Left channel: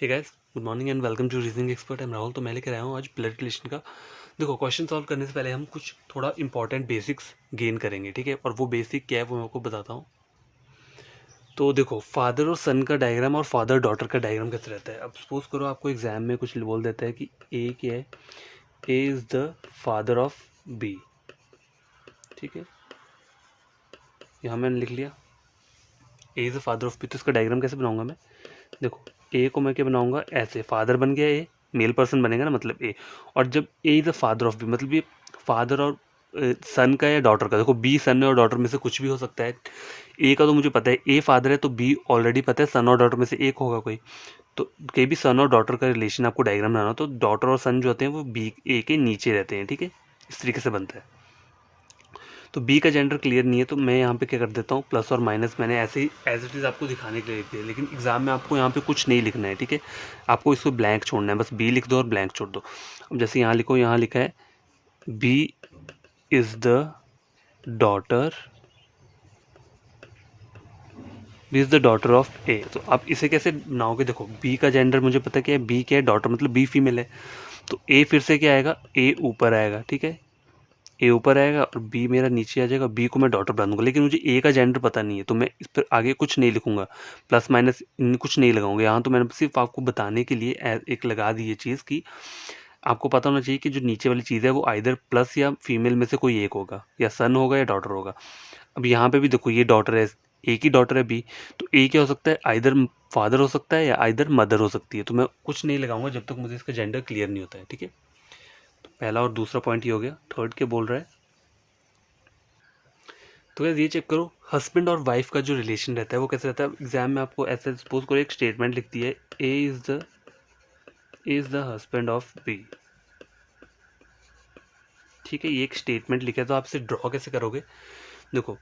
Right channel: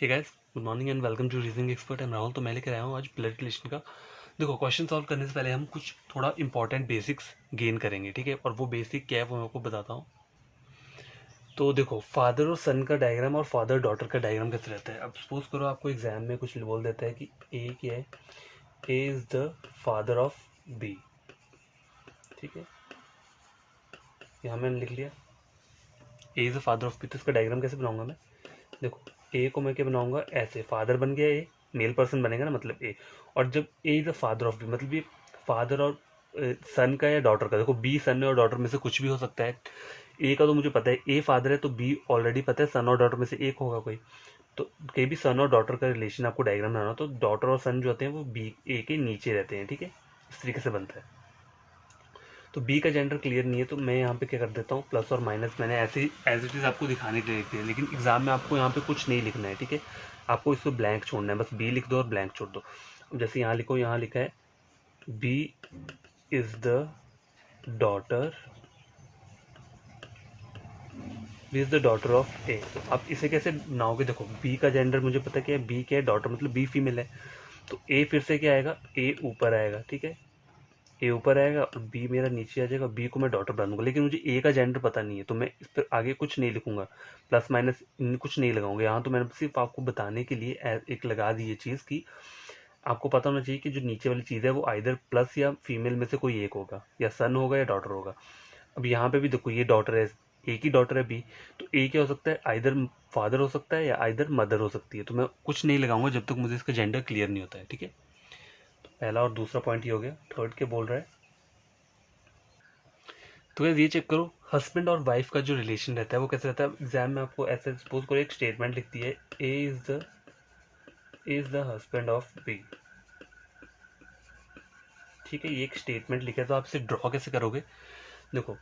Hey guys, good morning and welcome to reasoning expert. Am Rahul. तो मैं लेकर आया हूँ आज ब्लड रिलेशन का। देखो, क्वेश्चन सॉल्व करने से पहले हम कुछ थोड़ा इंपॉर्टेंट बेसिक्स गेन करेंगे, ठीक है। और वो बेसिक क्या है वो मैं आपको बताता हूँ। तो देखो, फादर और सन का डायग्राम और फादर डॉटर का डायग्राम कैसे रहता है। अब सपोज करो आपको एग्जाम में कुछ बोल देता है कि ए क्या है, A is the father of B, ठीक है। यहाँ मैंने लिख लिया A is the father of B. तो इसका डायग्राम कैसे बनाऊंगा मैं। देखो, ए को मैं क्या बनाऊंगा, ऐसे फादर बन गया, ए मेल पर्सन बनेगा ना, मतलब ए। और जब A is the father of B, मतलब ये फादर और सन का या डॉटर का। देखो, बी सन और डॉटर में से कुछ भी हो सकता है। ए का तो मुझे पता है, ए फादर है, तो बी ऑलरेडी पता है सन और डॉटर में से एक होगा कोई। तो कहीं भी सन और डॉटर का रिलेशन आपको डायग्राम बनाना हो, तो डॉटर और सन जो होते हैं वो बी ए के नीचे रहते हैं, ठीक है। इस तरीके से बनता है। तो बी का जेंडर क्लियर नहीं है, तो मैं यहाँ पे क्या कर देता हूँ, प्लस और माइनस मैंने ऐसे ही एज इट इज़ आपको दिखाने के लिए लिखी है। लेकिन एग्जाम में आपको यहाँ पे कुछ नहीं लिखना है, ठीक है। आपको इसको ब्लैंक छोड़ना है, बस बी लिख दो और ब्लैंक छोड़ दो। अब जैसे यहाँ लिखो, यहाँ लिखा है B is the daughter, B is the daughter of A. तो आप इसे कैसे बनाओगे। देखो, बी का जेंडर मुझे पता क्या है, बी क्या है, डॉटर, मतलब बी फीमेल है। तो ए फिर से क्या आएगा, ए ऊपर आएगा, ठीक है। ए ऊपर आएगा और बी मेरा नीचे आ जाएगा। बी को मैं डॉटर बना दूंगा, लेकिन मुझे ए का जेंडर पता नहीं है, तो मैं इस पर आगे कुछ नहीं लिखूंगा। प्लस माइनस कुछ नहीं लगाऊंगा यहाँ। तो मैंने सिर्फ आपको बताने के लिए एक लगा दी ये चीज़ कि आपको पता होना चाहिए कि जो नीचे वाली चीज़ है वो आइदर प्लस या फीमेल में से कोई एक होगा, या सन होगा या डॉटर होगा। अब यहाँ पे भी देखो, ये डॉटर है, ए की डॉटर है बी। तो ए क्या हो सकता है, आइदर फादर हो सकता है या आइदर मदर हो सकती है। तो मैं कुछ नहीं लगाऊंगा जब तक मुझे इसका जेंडर क्लियर नहीं होता है, ठीक है। तो पहला और दूसरा पॉइंट ये हो गया। थर्ड के बोल रहा है, तो गाइस ये चेक करो, हस्बैंड और वाइफ का जो रिलेशन रहता है वो कैसे रहता है। एग्जाम में आपको ऐसे सपोज करो एक स्टेटमेंट लिखती है, A is the husband of B, ठीक है। ये एक स्टेटमेंट लिखा है, तो आप इसे ड्रॉ कैसे करोगे। देखो,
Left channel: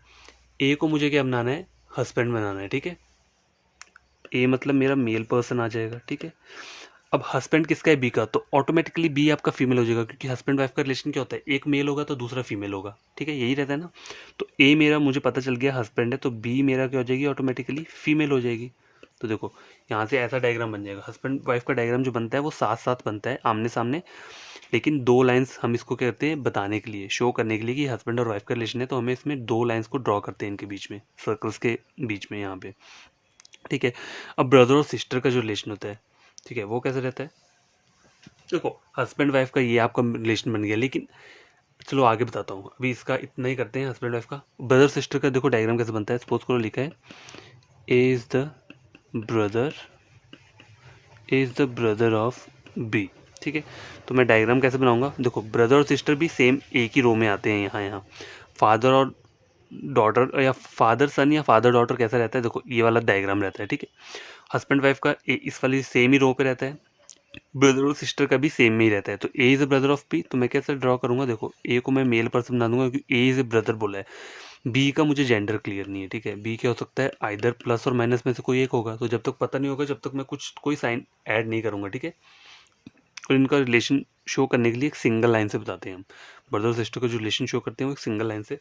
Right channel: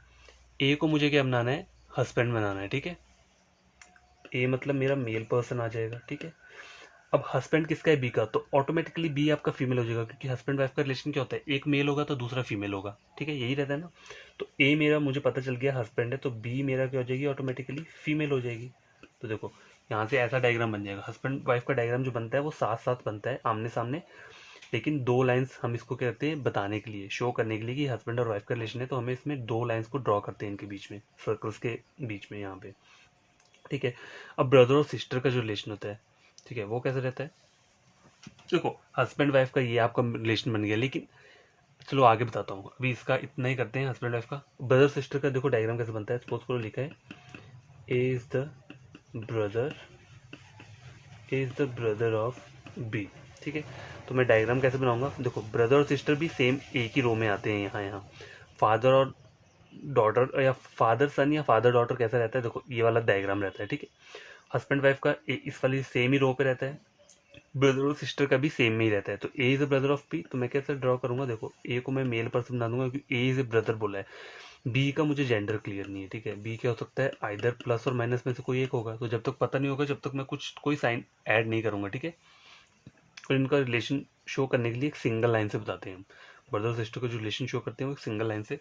ए को मुझे क्या बनाना है, हस्बैंड बनाना है, ठीक है। ए मतलब मेरा मेल पर्सन आ जाएगा, ठीक है। अब हस्बैंड किसका है, बी का, तो ऑटोमेटिकली बी आपका फीमेल हो जाएगा, क्योंकि हस्बैंड वाइफ का रिलेशन क्या होता है, एक मेल होगा तो दूसरा फीमेल होगा, ठीक है, यही रहता है ना। तो ए मेरा मुझे पता चल गया हस्बैंड है, तो बी मेरा क्या हो जाएगी, ऑटोमेटिकली फीमेल हो जाएगी। तो देखो, यहाँ से ऐसा डायग्राम बन जाएगा। हस्बैंड वाइफ का डायग्राम जो बनता है वो साथ साथ बनता है, आमने सामने। लेकिन दो लाइंस हम इसको क्या करते हैं, बताने के लिए, शो करने के लिए कि हस्बैंड और वाइफ का रिलेशन है, तो हमें इसमें दो लाइंस को ड्रॉ करते हैं इनके बीच में, सर्कल्स के बीच में यहाँ पे, ठीक है। अब ब्रदर और सिस्टर का जो रिलेशन होता है, ठीक है, वो कैसे रहता है। देखो, हस्बैंड वाइफ का ये आपका रिलेशन बन गया, लेकिन चलो आगे बताता हूँ। अभी इसका इतना ही करते हैं, हस्बैंड वाइफ का। ब्रदर सिस्टर का देखो डायग्राम कैसे बनता है। सपोज करो लिखा है A is the brother, A is the brother of B, ठीक है। तो मैं डायग्राम कैसे बनाऊंगा। देखो, ब्रदर और सिस्टर भी सेम एक ही रो में आते हैं, यहाँ यहाँ फादर और डॉटर, या फादर सन या फादर डॉटर कैसा रहता है। देखो, ये वाला डायग्राम रहता है, ठीक है। हस्बैंड वाइफ का इस वाली सेम ही रो पे रहता है। ब्रदर और सिस्टर का भी सेम में ही रहता है। तो A is a brother of B, तो मैं कैसे ड्रॉ करूंगा। देखो, ए को मैं मेल पर्सन बना दूंगा, क्योंकि ए इज ए ब्रदर बोला है। बी का मुझे जेंडर क्लियर नहीं है, ठीक है। बी क्या हो सकता है, आइदर प्लस और माइनस में से कोई एक होगा। तो जब तक पता नहीं होगा, जब तक मैं कोई साइन ऐड नहीं करूंगा, ठीक है। और इनका रिलेशन शो करने के लिए एक सिंगल लाइन से बताते हैं हम। ब्रदर और सिस्टर का जो रिलेशन शो करते हैं वो एक सिंगल लाइन से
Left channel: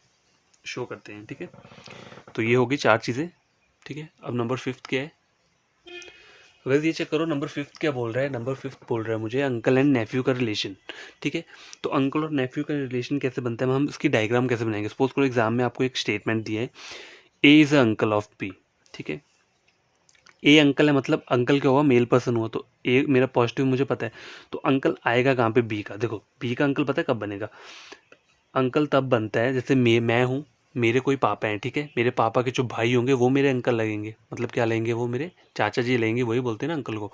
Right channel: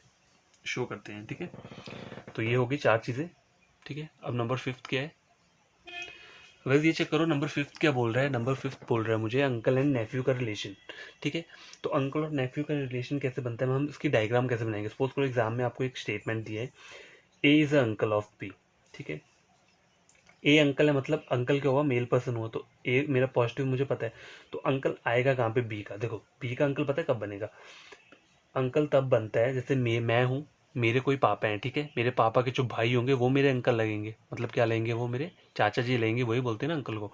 शो करते हैं, ठीक है। तो ये होगी चार चीज़ें, ठीक है। अब नंबर फिफ्थ क्या है। वैसे ये चेक करो, नंबर फिफ्थ क्या बोल रहा है। नंबर फिफ्थ बोल रहा है मुझे अंकल एंड नेफ्यू का रिलेशन, ठीक है। तो अंकल और नेफ्यू का रिलेशन कैसे बनता है, हम इसकी डायग्राम कैसे बनाएंगे। सपोज करो एग्जाम में आपको एक स्टेटमेंट दिया है, A is a uncle of B, ठीक है। ए अंकल है, मतलब अंकल क्या हुआ, मेल पर्सन हुआ, तो ए मेरा पॉजिटिव मुझे पता है। तो अंकल आएगा कहाँ पे, बी का। देखो, बी का अंकल पता है कब बनेगा। अंकल तब बनता है जैसे मैं हूँ, मेरे कोई पापा हैं, ठीक है। मेरे पापा के जो भाई होंगे वो मेरे अंकल लगेंगे, मतलब क्या लगेंगे, वो मेरे चाचा जी लगेंगे, वही बोलते हैं ना अंकल को।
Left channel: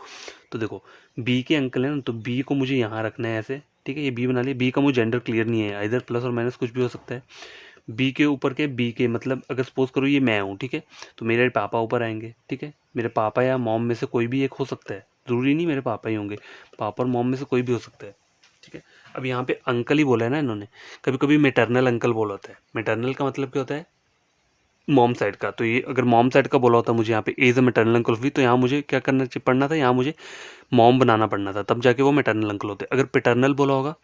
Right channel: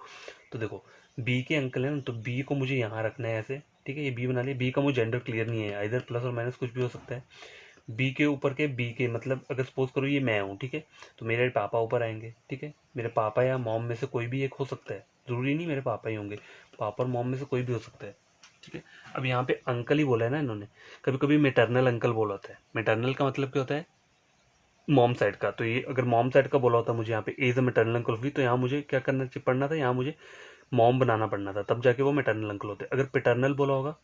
तो देखो, बी के अंकल है ना, तो बी को मुझे यहाँ रखना है ऐसे, ठीक है। ये बी बना लिया। बी का मुझे जेंडर क्लियर नहीं है, इधर प्लस और माइनस कुछ भी हो सकता है। बी के ऊपर के, बी के मतलब अगर सपोज करो ये मैं हूँ, ठीक है, तो मेरे पापा ऊपर आएंगे, ठीक है। मेरे पापा या मॉम में से कोई भी एक हो सकता है, ज़रूरी नहीं मेरे पापा ही होंगे, पापा और मॉम में से कोई भी हो सकता है, ठीक है। अब यहाँ पे अंकल ही बोला है ना इन्होंने। कभी कभी मेटरनल अंकल बोला होता है। मेटरनल का मतलब क्या होता है, मॉम साइड का। तो ये अगर मॉम साइड का बोला होता मुझे यहाँ पे एज अ मेटरनल अंकल भी, तो यहाँ मुझे क्या करना पड़ना था, यहाँ मुझे मॉम बनाना पड़ना था, तब जाके वो मेटरनल अंकल होते। अगर पेटर्नल बोला होगा,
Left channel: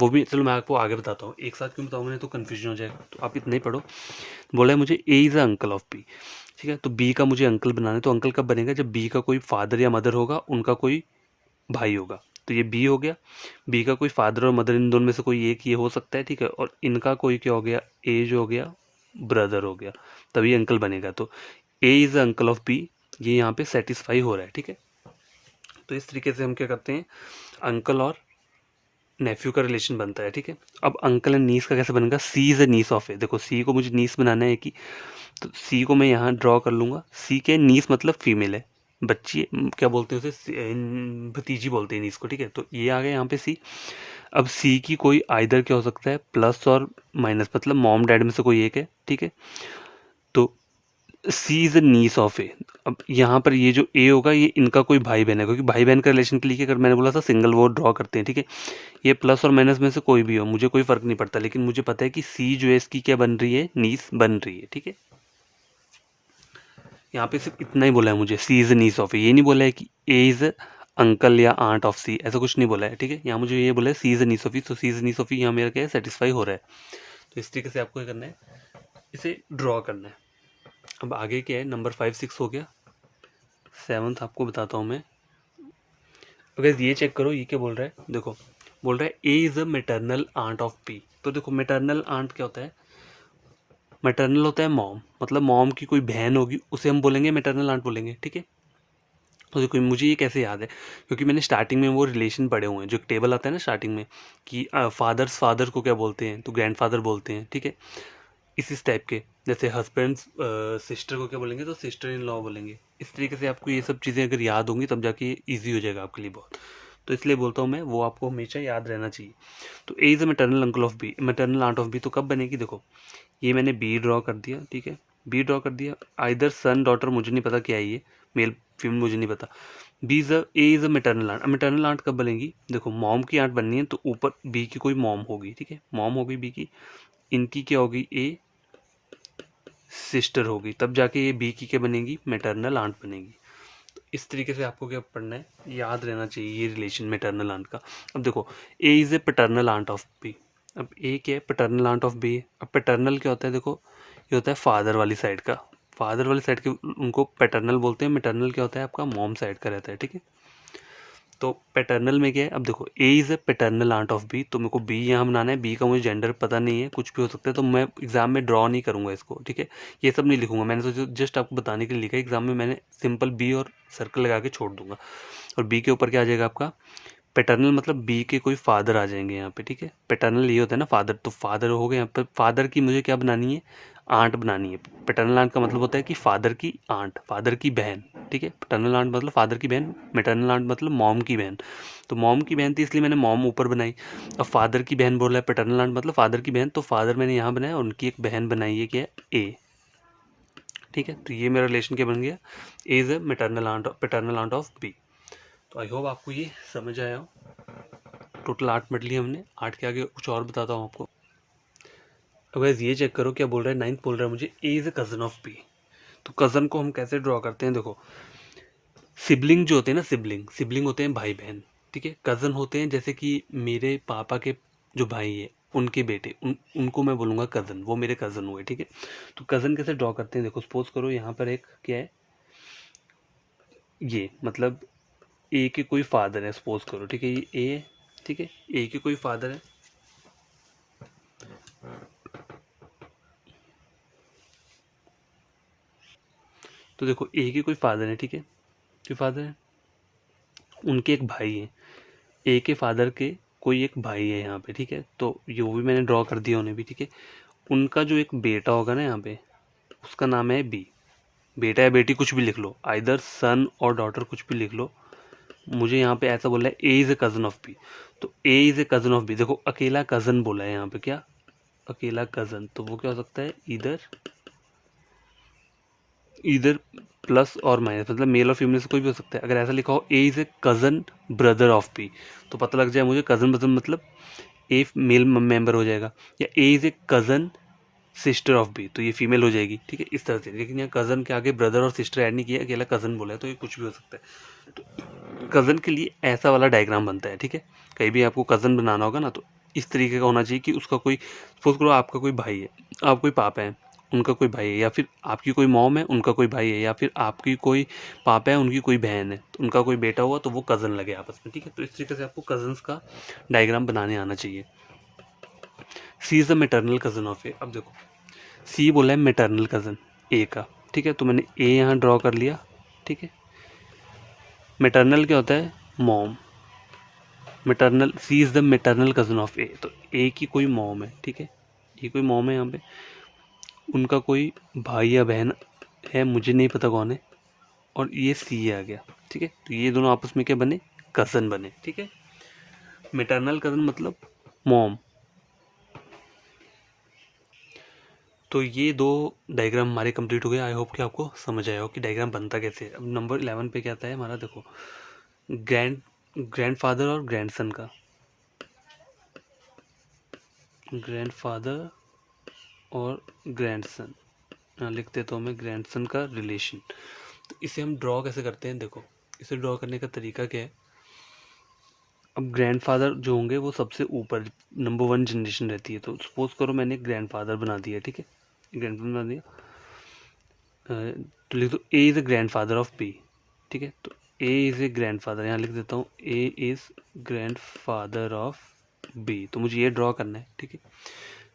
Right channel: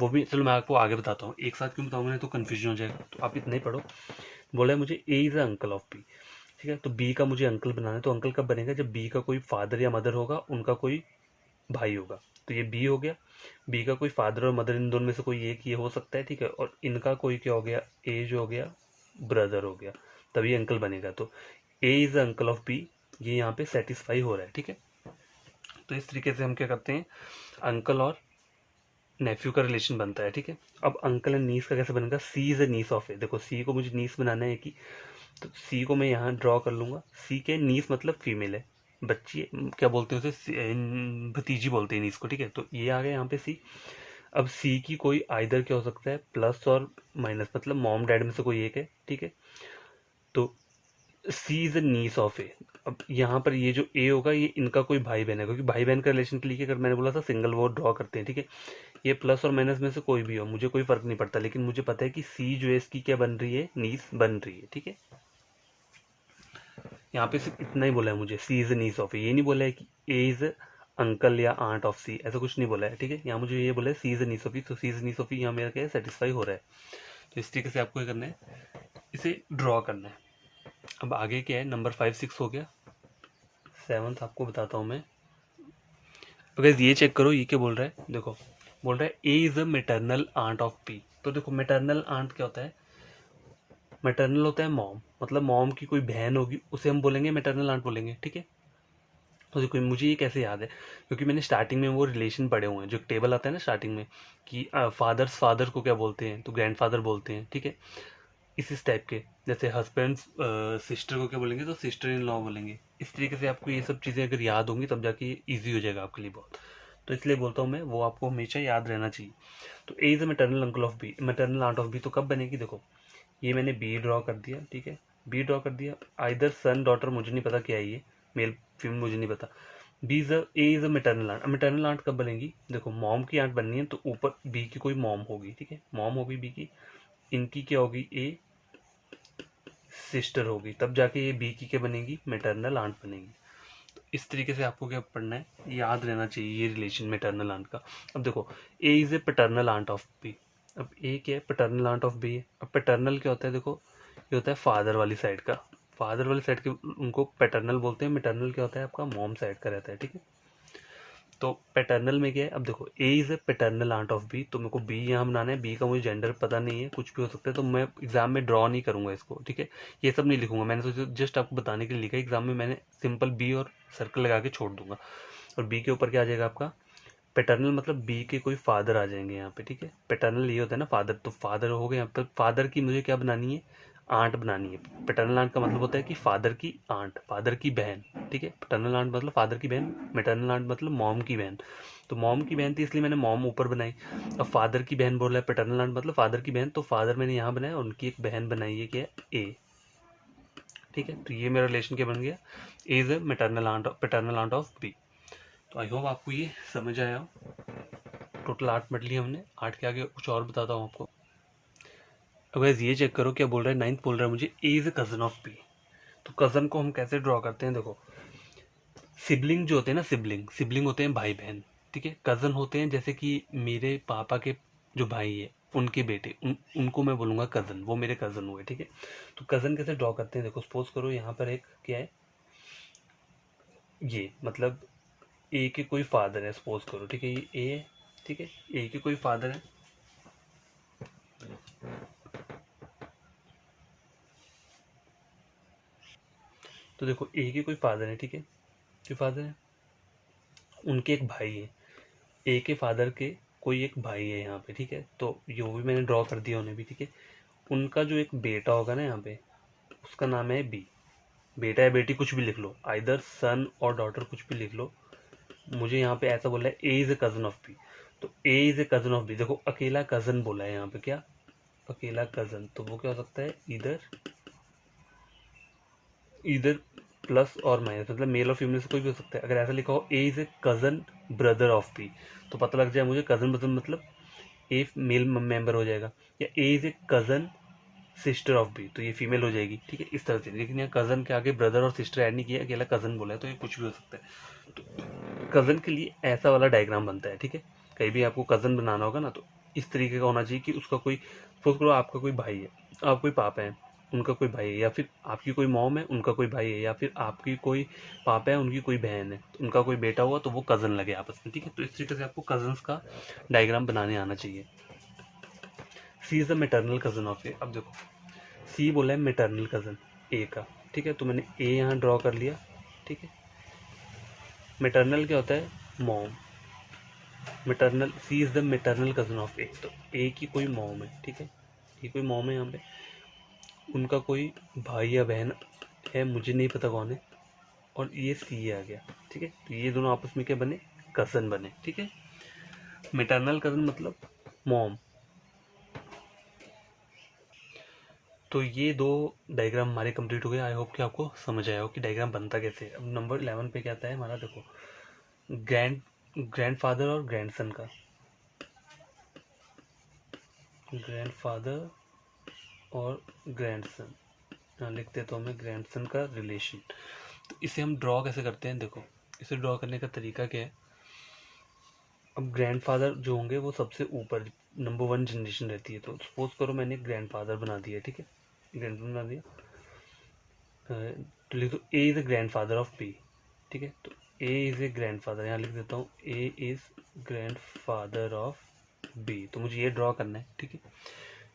वो भी चलो मैं आपको आगे बताता हूँ, एक साथ क्यों बताऊँ, नहीं तो कन्फ्यूजन हो जाएगा। तो आप इतना ही पढ़ो। बोला है मुझे A is a uncle of B. ठीक है। तो बी का मुझे अंकल बनाना है, तो अंकल कब बनेगा, जब बी का कोई फादर या मदर होगा, उनका कोई भाई होगा। तो ये बी हो गया, बी का कोई फादर और मदर, इन दोनों में से कोई एक ये हो सकता है, ठीक है। और इनका कोई क्या हो गया, ए जो हो गया ब्रदर हो गया, तभी अंकल बनेगा। तो A is uncle of B, ये यहाँ पे सेटिस्फाई हो रहा है, ठीक है। तो इस तरीके से हम क्या करते हैं, अंकल और नेफ्यू का रिलेशन बनता है, ठीक है। अब अंकल एंड नीस का कैसे बनेगा, सी इज़ अ नीस ऑफ ए। देखो सी को मुझे नीस बनाना है कि, तो सी को मैं यहाँ ड्रॉ कर लूँगा। सी के नीस मतलब फीमेल है, बच्ची, क्या बोलते हैं उसे, भतीजी बोलते हैं नीस को, ठीक है। तो ये आ गया यहाँ पे सी। अब सी की कोई आइदर क्या हो सकता है, प्लस और माइनस, मतलब मॉम डैड में से कोई एक है, ठीक है। तो सी is a gneiss of A. अब यहाँ पर ये जो ए होगा, ये इनका कोई भाई बहन है, क्योंकि भाई बहन का रिलेशन के लिए अगर मैंने बोला था सिंगल वो ड्रॉ करते हैं, ठीक है। ये प्लस और माइनस में से कोई भी हो, मुझे कोई फ़र्क नहीं पड़ता, लेकिन मुझे पता है कि सी जो है इसकी क्या बन रही है, नीस बन रही है, ठीक है। यहाँ पे सिर्फ इतना ही बोला है मुझे, सी इज़ अ नीस ऑफ ए, ये नहीं बोला है कि ए इज़ अंकल या आंट ऑफ सी, ऐसा कुछ नहीं बोला है, ठीक है। यहाँ मुझे ये बोला है सी इज़ अ नीस ऑफ ई, तो सी इज़ अ नीस ऑफ ई यहाँ मेरा क्या है, सेटिस्फाई हो रहा है। तो इस तरीके से आपको क्या करना है, इसे ड्रॉ करना है। अब आगे क्या है, नंबर 5 6 हो गया, 7th आपको बताता हूँ मैं। अगर ये चेक करो, ये क्या बोल रहा है, देखो बोल रहा है A is a maternal aunt of P. तो देखो मेटरनल आंट क्या होता है, मेटरनल होता है मॉम, मतलब मॉम की कोई बहन होगी, उसे हम बोलेंगे मेटरनल आंट बोलेंगे, ठीक है। तो देखो मुझे ये कैसे याद है, क्योंकि मैंने स्टार्टिंग में वो रिलेशन पढ़े हुए हैं, जो टेबल आता है ना स्टार्टिंग में, कि फादर्स फादर को क्या बोलते हैं, तो ग्रैंडफादर बोलते हैं, ठीक है। इस टाइप के, जैसे हस्बैंड्स सिस्टर को क्या बोलेंगे, तो सिस्टर इन लॉ बोलेंगे। इस तरीके से आपको ये सब चीज़ें अगर याद होंगी, तब जाके ईजी हो जाएगा आपके लिए बहुत। तो इसलिए बोलता हूँ मैं, वो आपको हमेशा याद रहना चाहिए। तो A is a maternal uncle of B, maternal aunt of B, तो कब बनेगी, देखो ये मैंने बी ड्रॉ कर दिया, ठीक है। बी ड्रॉ कर दिया, आइदर सन डॉटर, मुझे नहीं पता क्या है ये, मेल फीमेल मुझे नहीं पता। B is A is a maternal aunt, maternal aunt कब बनेगी, देखो मॉम की आंट बननी है, तो ऊपर बी की कोई मॉम होगी, ठीक है, मॉम होगी बी की, इनकी क्या होगी, ए सिस्टर होगी, तब जाके ये बी की क्या बनेगी, मेटरनल आंट बनेगी। तो इस तरीके से आपको क्या पढ़ना है, याद रहना चाहिए ये रिलेशन मेटरनल आंट का। अब देखो A is a paternal aunt of B, अब ए क्या है, पैटर्नल आंट ऑफ बी है। अब पैटर्नल क्या होता है, देखो ये होता है फादर वाली साइड का, फादर वाली साइड के उनको पैटर्नल बोलते हैं। मैटरनल क्या होता है, आपका मॉम साइड का रहता है, ठीक है। तो पैटर्नल में क्या है, अब देखो A is a paternal aunt of B, तो मेरे को बी यहाँ बनाना है। बी का मुझे जेंडर पता नहीं है, कुछ भी हो सकता है, तो मैं एग्जाम में ड्रॉ नहीं करूँगा इसको, ठीक है। ये सब नहीं लिखूंगा, मैंने तो जस्ट आपको बताने के लिए लिखा है। एग्जाम में मैंने सिंपल बी और सर्कल लगा के छोड़ दूंगा। और बी के ऊपर क्या आ जाएगा आपका, पैटर्नल, मतलब बी के कोई फादर आ जाएंगे यहाँ पे, ठीक है। पैटर्नल ये होता है ना फादर, तो फादर हो गए यहाँ पर, फादर की मुझे क्या बनानी है, आंट बनानी है। पैटर्नल आंट का मतलब होता है कि फादर की आंट, फादर की बहन, ठीक है। पैटर्नल आंट मतलब फादर की बहन, मैटरनल आंट मतलब मॉम की बहन। तो मॉम की बहन थी इसलिए मैंने मॉम ऊपर बनाई। अब फादर की बहन बोल रहा है, पैटर्नल आंट मतलब फादर की बहन, तो फादर मैंने यहाँ बनाया, उनकी एक बहन बनाई है, क्या ए, ठीक है। तो ये मेरा रिलेशन क्या बन गया, A is a maternal aunt, paternal aunt of B. तो आई होप आपको ये समझ आया हो। टोटल 8 मिनट लिए हमने, 8 के आगे कुछ और बताता हूँ आपको। अब गाइस ये चेक करो, क्या बोल रहा है, 9th बोल रहा है मुझे A is a cousin of B. तो कजन को हम कैसे ड्रॉ करते हैं, देखो सिबलिंग जो होते हैं ना, सिबलिंग सिबलिंग होते हैं भाई बहन, ठीक है। कज़न होते हैं जैसे कि मेरे पापा के जो भाई है, उनके बेटे, उनको मैं बोलूँगा कज़न, वो मेरे कज़न हुए, ठीक है। तो कज़न कैसे ड्रॉ करते हैं, देखो सपोज करो यहाँ पर एक क्या है, ये मतलब ए के कोई फादर है, सपोज करो, ठीक है, ये ए है, ठीक है, ए के कोई फादर है। तो देखो ए के कोई फादर है, ठीक है, कोई फादर है, उनके एक भाई है, ए के फादर के कोई एक भाई है यहाँ पे, ठीक है। तो ये वो भी मैंने ड्रॉ कर दिया उन्हें भी, ठीक है। उनका जो एक बेटा होगा ना यहाँ पे, उसका नाम है बी। बेटा या बेटी कुछ भी लिख लो, आइदर सन और डॉटर कुछ भी लिख लो। मुझे यहाँ पे ऐसा बोला है A is a cousin of B, तो A is a cousin of B. देखो अकेला कज़न बोला है यहाँ पे, क्या अकेला कज़न, तो वो क्या हो सकता है, इधर इधर प्लस और माइनस, मतलब मेल और फीमेल से कोई भी हो सकता है। अगर ऐसा लिखा हो A is a cousin brother of B, तो पता लग जाए मुझे कज़न ब्रदर मतलब ए मेल मेंबर हो जाएगा। या A is a cousin sister of B, तो ये फीमेल हो जाएगी, ठीक है, इस तरह से। लेकिन यहाँ कज़न के आगे ब्रदर और सिस्टर ऐड नहीं किया, अकेला कज़न बोला है, तो ये कुछ भी हो सकता है। तो कज़न के लिए ऐसा वाला डायग्राम बनता है, ठीक है। कहीं भी आपको कज़न बनाना होगा ना, तो इस तरीके का होना चाहिए कि उसका कोई, सपोज करो आपका कोई भाई है, आप कोई पापा है, उनका कोई भाई है, या फिर आपकी कोई मॉम है उनका कोई भाई है, या फिर आपकी कोई पापा है उनकी कोई बहन है, तो उनका कोई बेटा हुआ तो वो कज़न लगे आपस में, ठीक है। तो इस तरीके से आपको कज़न्स का डायग्राम बनाने आना चाहिए। C is the maternal cousin of A. अब देखो सी बोला है मेटर्नल कज़न ए का, ठीक है। तो मैंने ए यहाँ ड्रॉ कर लिया, ठीक है। मेटर्नल क्या होता है? Mom. Maternal, C is the maternal cousin of A, तो ए की कोई मॉम है, ठीक है। ये कोई मॉम है यहाँ पे, उनका कोई भाई या बहन है, मुझे नहीं पता कौन है, और ये सी आ गया, ठीक है। तो ये दोनों आपस में क्या बने? कज़न बने, ठीक है। मेटर्नल कज़न मतलब मॉम। तो ये दो डायग्राम हमारे कंप्लीट हो गए। आई होप कि आपको समझ आया हो कि डायग्राम बनता कैसे है। अब नंबर 11 पे क्या आता है हमारा, देखो ग्रैंडफादर और ग्रैंडसन का, ग्रैंडफादर और ग्रैंडसन, यहाँ लिख देता हूँ मैं ग्रैंडसन का रिलेशन। तो इसे हम ड्रॉ कैसे करते हैं? देखो इसे ड्रॉ करने का तरीका क्या है। अब ग्रैंडफादर जो होंगे वो सबसे ऊपर नंबर 1 जनरेशन रहती है। तो सपोज करो मैंने ग्रैंडफादर बना दिया, ठीक है, ग्रैंडफादर बना दिया। तो लिख दो A is a grandfather of B, ठीक है। तो ए इज़ ए ग्रैंडफादर, यहाँ लिख देता हूँ A is grandfather of B. तो मुझे ये ड्रॉ करना है, ठीक है।